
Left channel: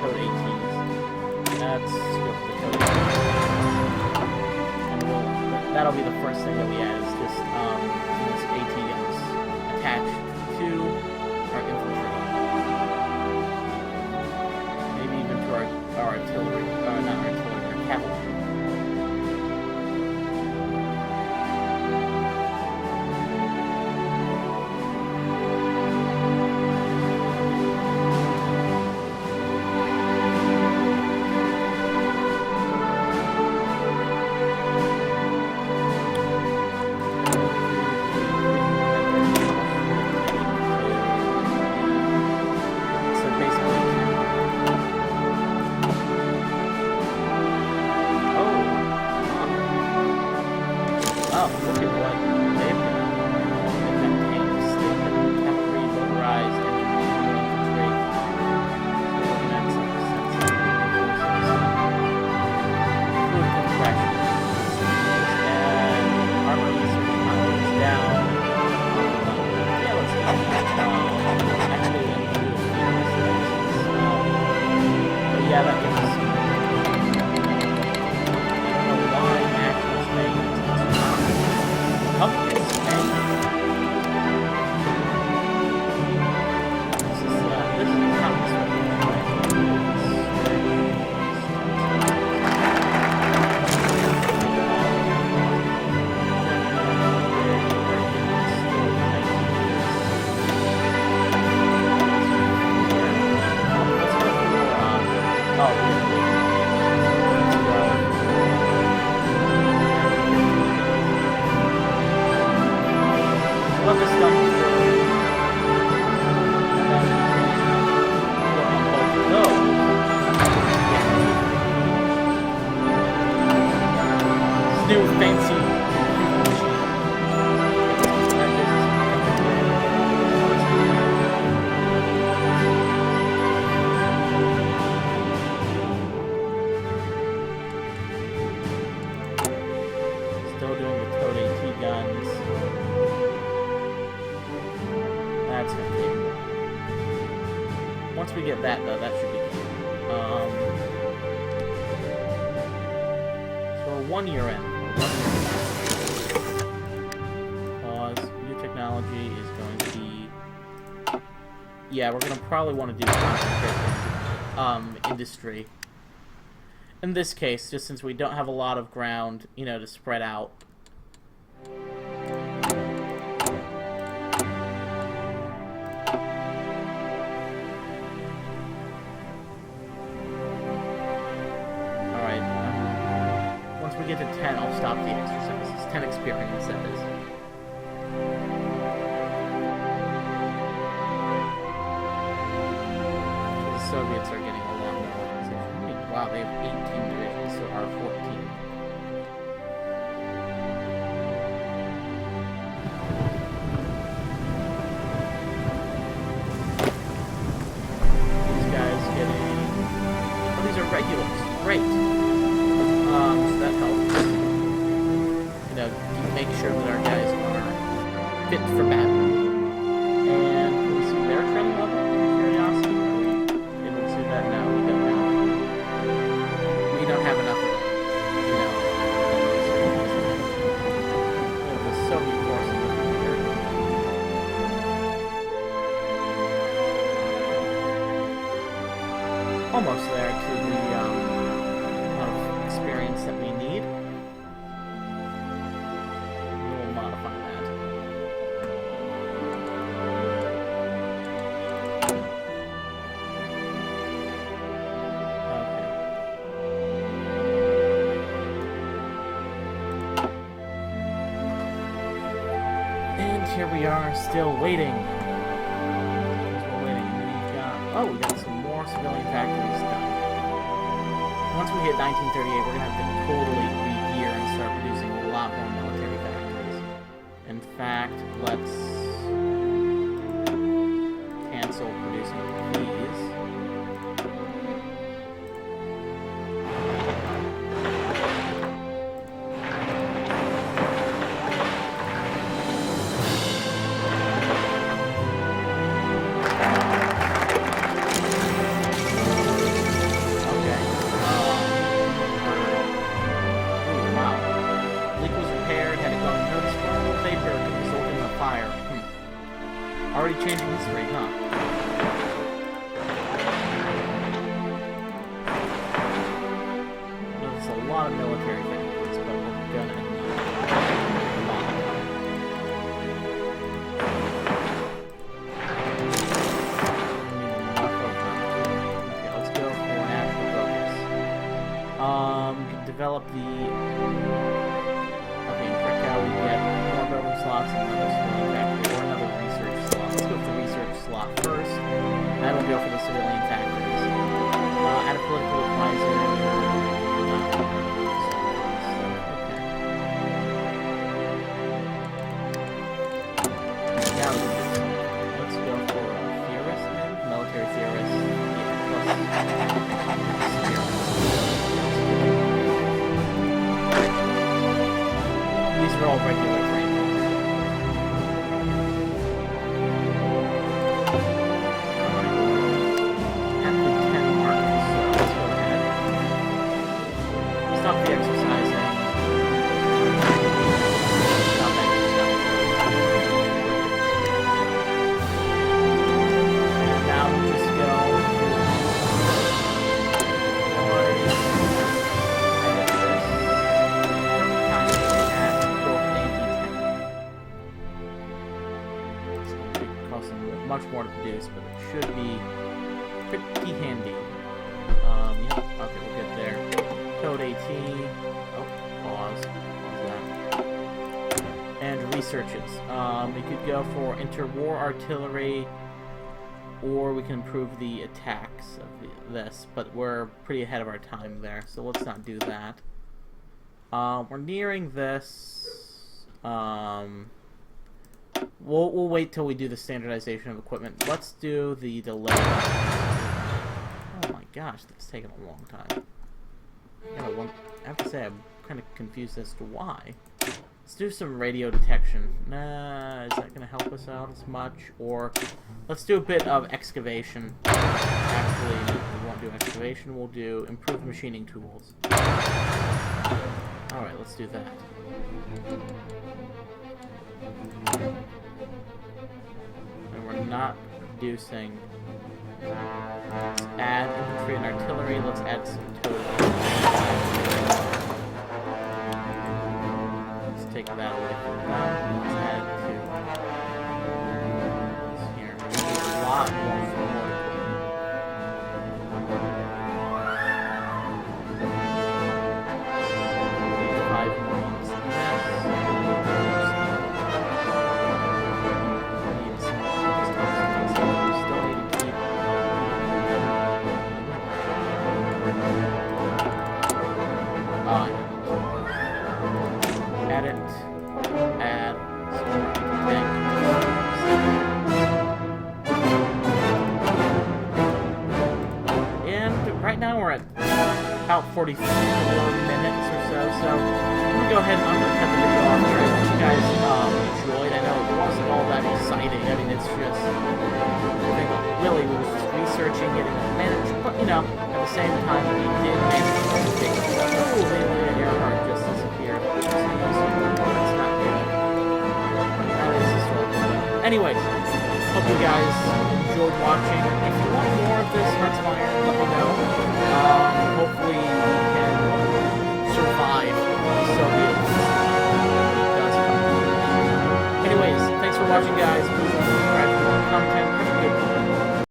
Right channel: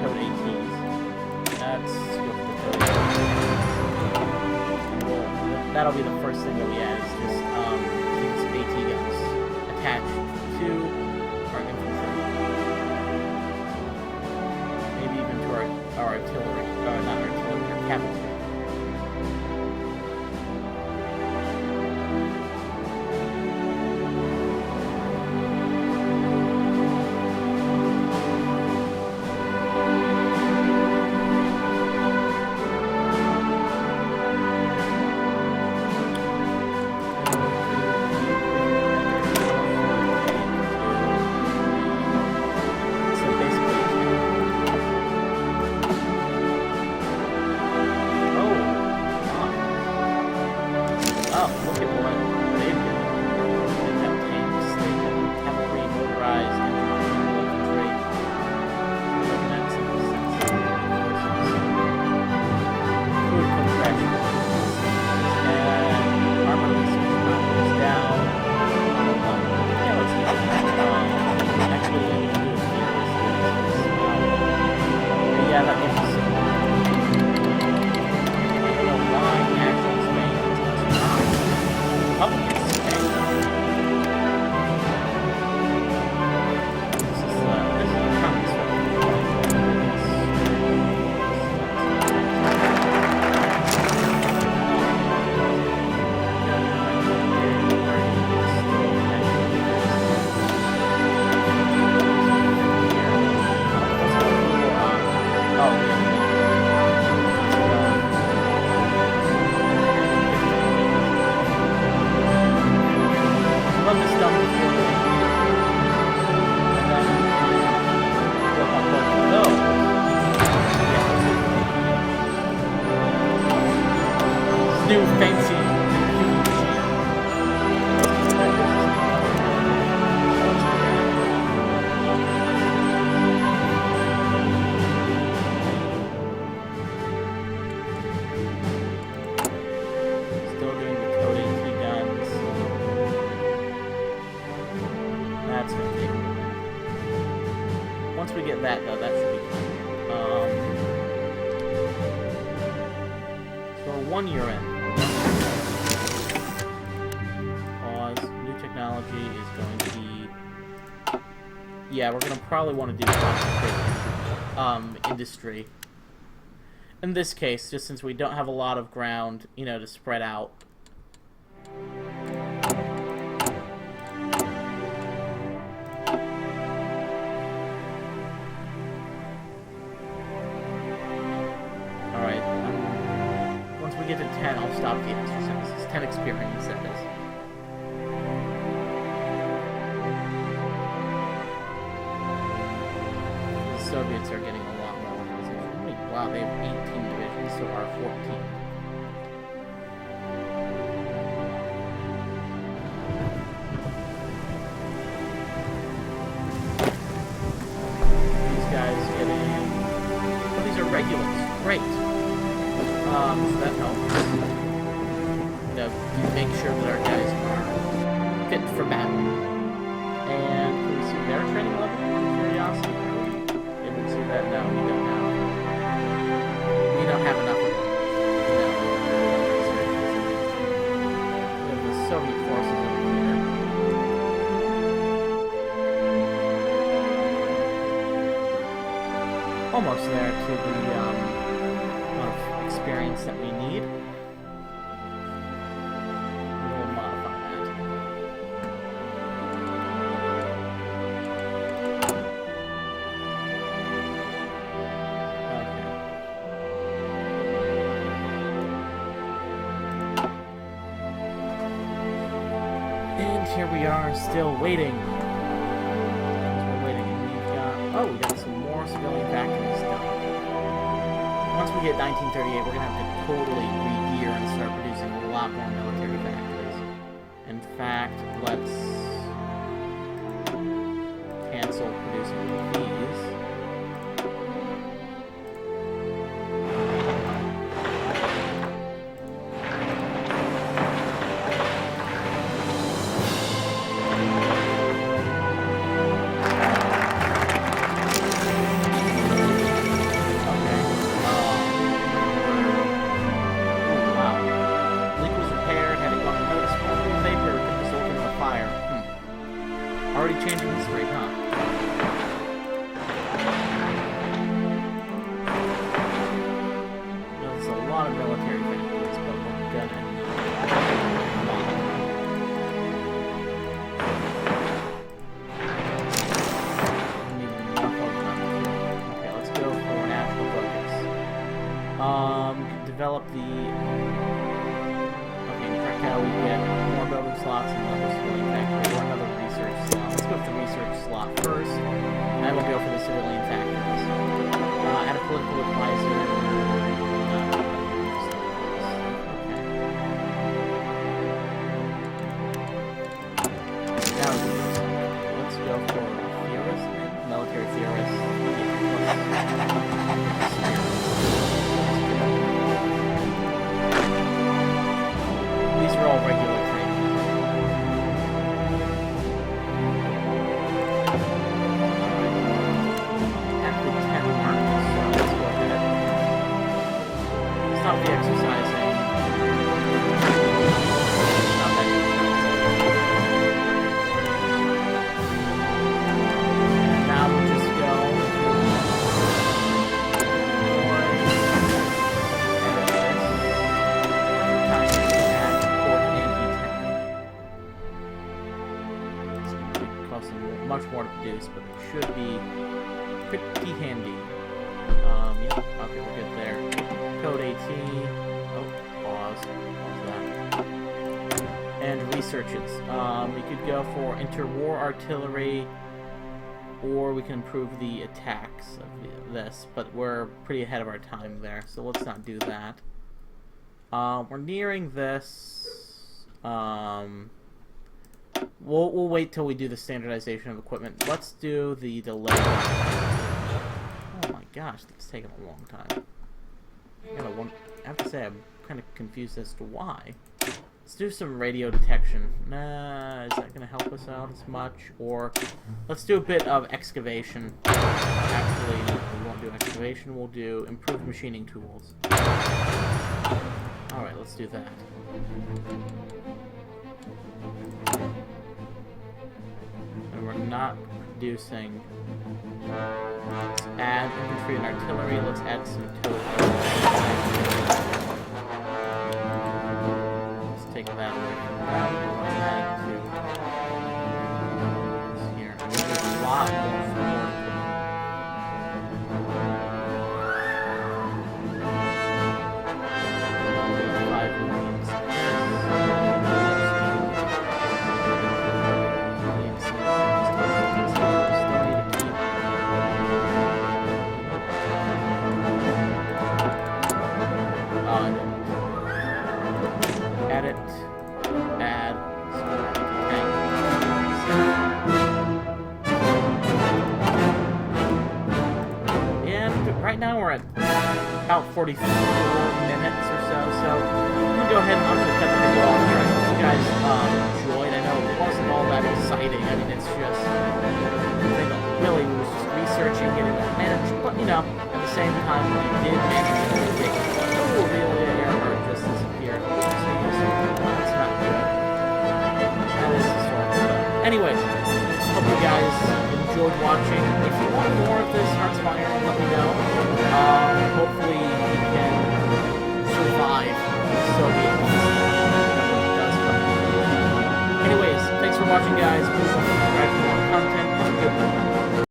Toad ATs. Let's go for the Toad. And that'll be the first thing that we add, is just these AT guns attached to our infantry. Maybe even to our artillery, or not artillery, our cavalry. Oh, look at what they've got. They've got tanks, they've got cavalry, motorized, normal infantry. So we're looking at some sensitive forces. Food compression. And armor research power is down. Yeah, let's do that. Actually, I'm going to do a theorist next. But yeah, that gives us some. I don't know why actual Spain is less Republicans Spain. This is a communist revolution, right? Let's go for, oh, we have to let's go. We'll have this done before then. And then we can work on both of those. Yeah, let's do the computing machine. This new fancy computing machine. That gives us another military. Let's do that. Still doing the Toad AT guns. That's gonna take a while. Once we get that, though, that should be good. So we're 1 year in. Pause. New technology is going to be. Yeah, we're gonna probably want to do concentrate industry. In this case, just since we don't have a lot of ground, you know, to spread out. Once we get to 10, I'll stop the exercises. 10 experience, that is. The Soviets are getting a lot more organization. How many? Wow, they have 18 divisions, so our 14. These guys getting... Oh, these are regulars. Great. So that helps. You know, make sure that our guys are fit for battle. And can we see their training level? Curiosity. Are we able to see that? No, we don't have. We don't have enough of it. You know, we have the Soviet forces over here. Almost there to the amount of experience that we need. And we'll modify that. Okay. And here we are, still waiting. Because we're waiting, and we've got... Oh, we got some more civilian factories done. Once we hit 1938, we're going to have to totally re-gear and start producing a lot more military factories. In fact, let's cancel producing these. Already changing history, huh? There's a lot of military factories, but we're gonna need a lot of them. We need enough of them. Okay, let's go for national focus. Develop the... Okay, in Krakow we get more building slots and another civilian factory, or another research slot. Let's go for the research slot first, and then we'll go for the civilian factories. Add a political advisor. Okay. Now let's go for theorist, maybe? Military theorist. Yeah, plus experience. These are all regular training. Alright. At the 10 mark, so let's go ahead. Stop the exercising. Stop exercising. And now we'll just go to edit this. Perfect timing. Much more to produce, but it should be pretty handy. Yep, okay, we're good there. Code AT. Oh, pause that. And researches. We could go for interwar artillery, or we can improve the attacks of this, but we're pretty ahead of our time there, so let's not do that. We're nearing this. We'll wait till we do the standardization of equipment. Let's do the delay. Oh my gosh, that's taken a long time. I have to say, I'm kind of confused as to why. Let's do some radio detection. Nah, is that going to help us out as much? Or let's do a bit of excavation. Actually, we won't do excavation. We'll do improved machining tools. Alright, let's do that. And we're not producing. Let's add infantry and artillery. Let's add some totals. Let's take that away from them. Let's add it to this here. And we need a lot more support equipment. 5 Marines. Edit, add, store anti-tank. And right now we're at about 44 minutes or so, I'm gonna go ahead and I'm gonna cut the video off here. I hope you guys enjoyed. I know it wasn't all that exciting. I mean, it's just, I think really we was just researching, getting that managed, but you know, at the same time we did manage to take one. Oh, Amelia Earhart just disappeared. That's not good. That is historical though. Anyways, hope you guys enjoyed watching. If you want more of this Hearts of Iron, let me know. Hopefully we can survive the Soviet onslaught whenever it does come to fruition. Anyways, thanks for watching guys. Please like and subscribe for more content. Have a good one.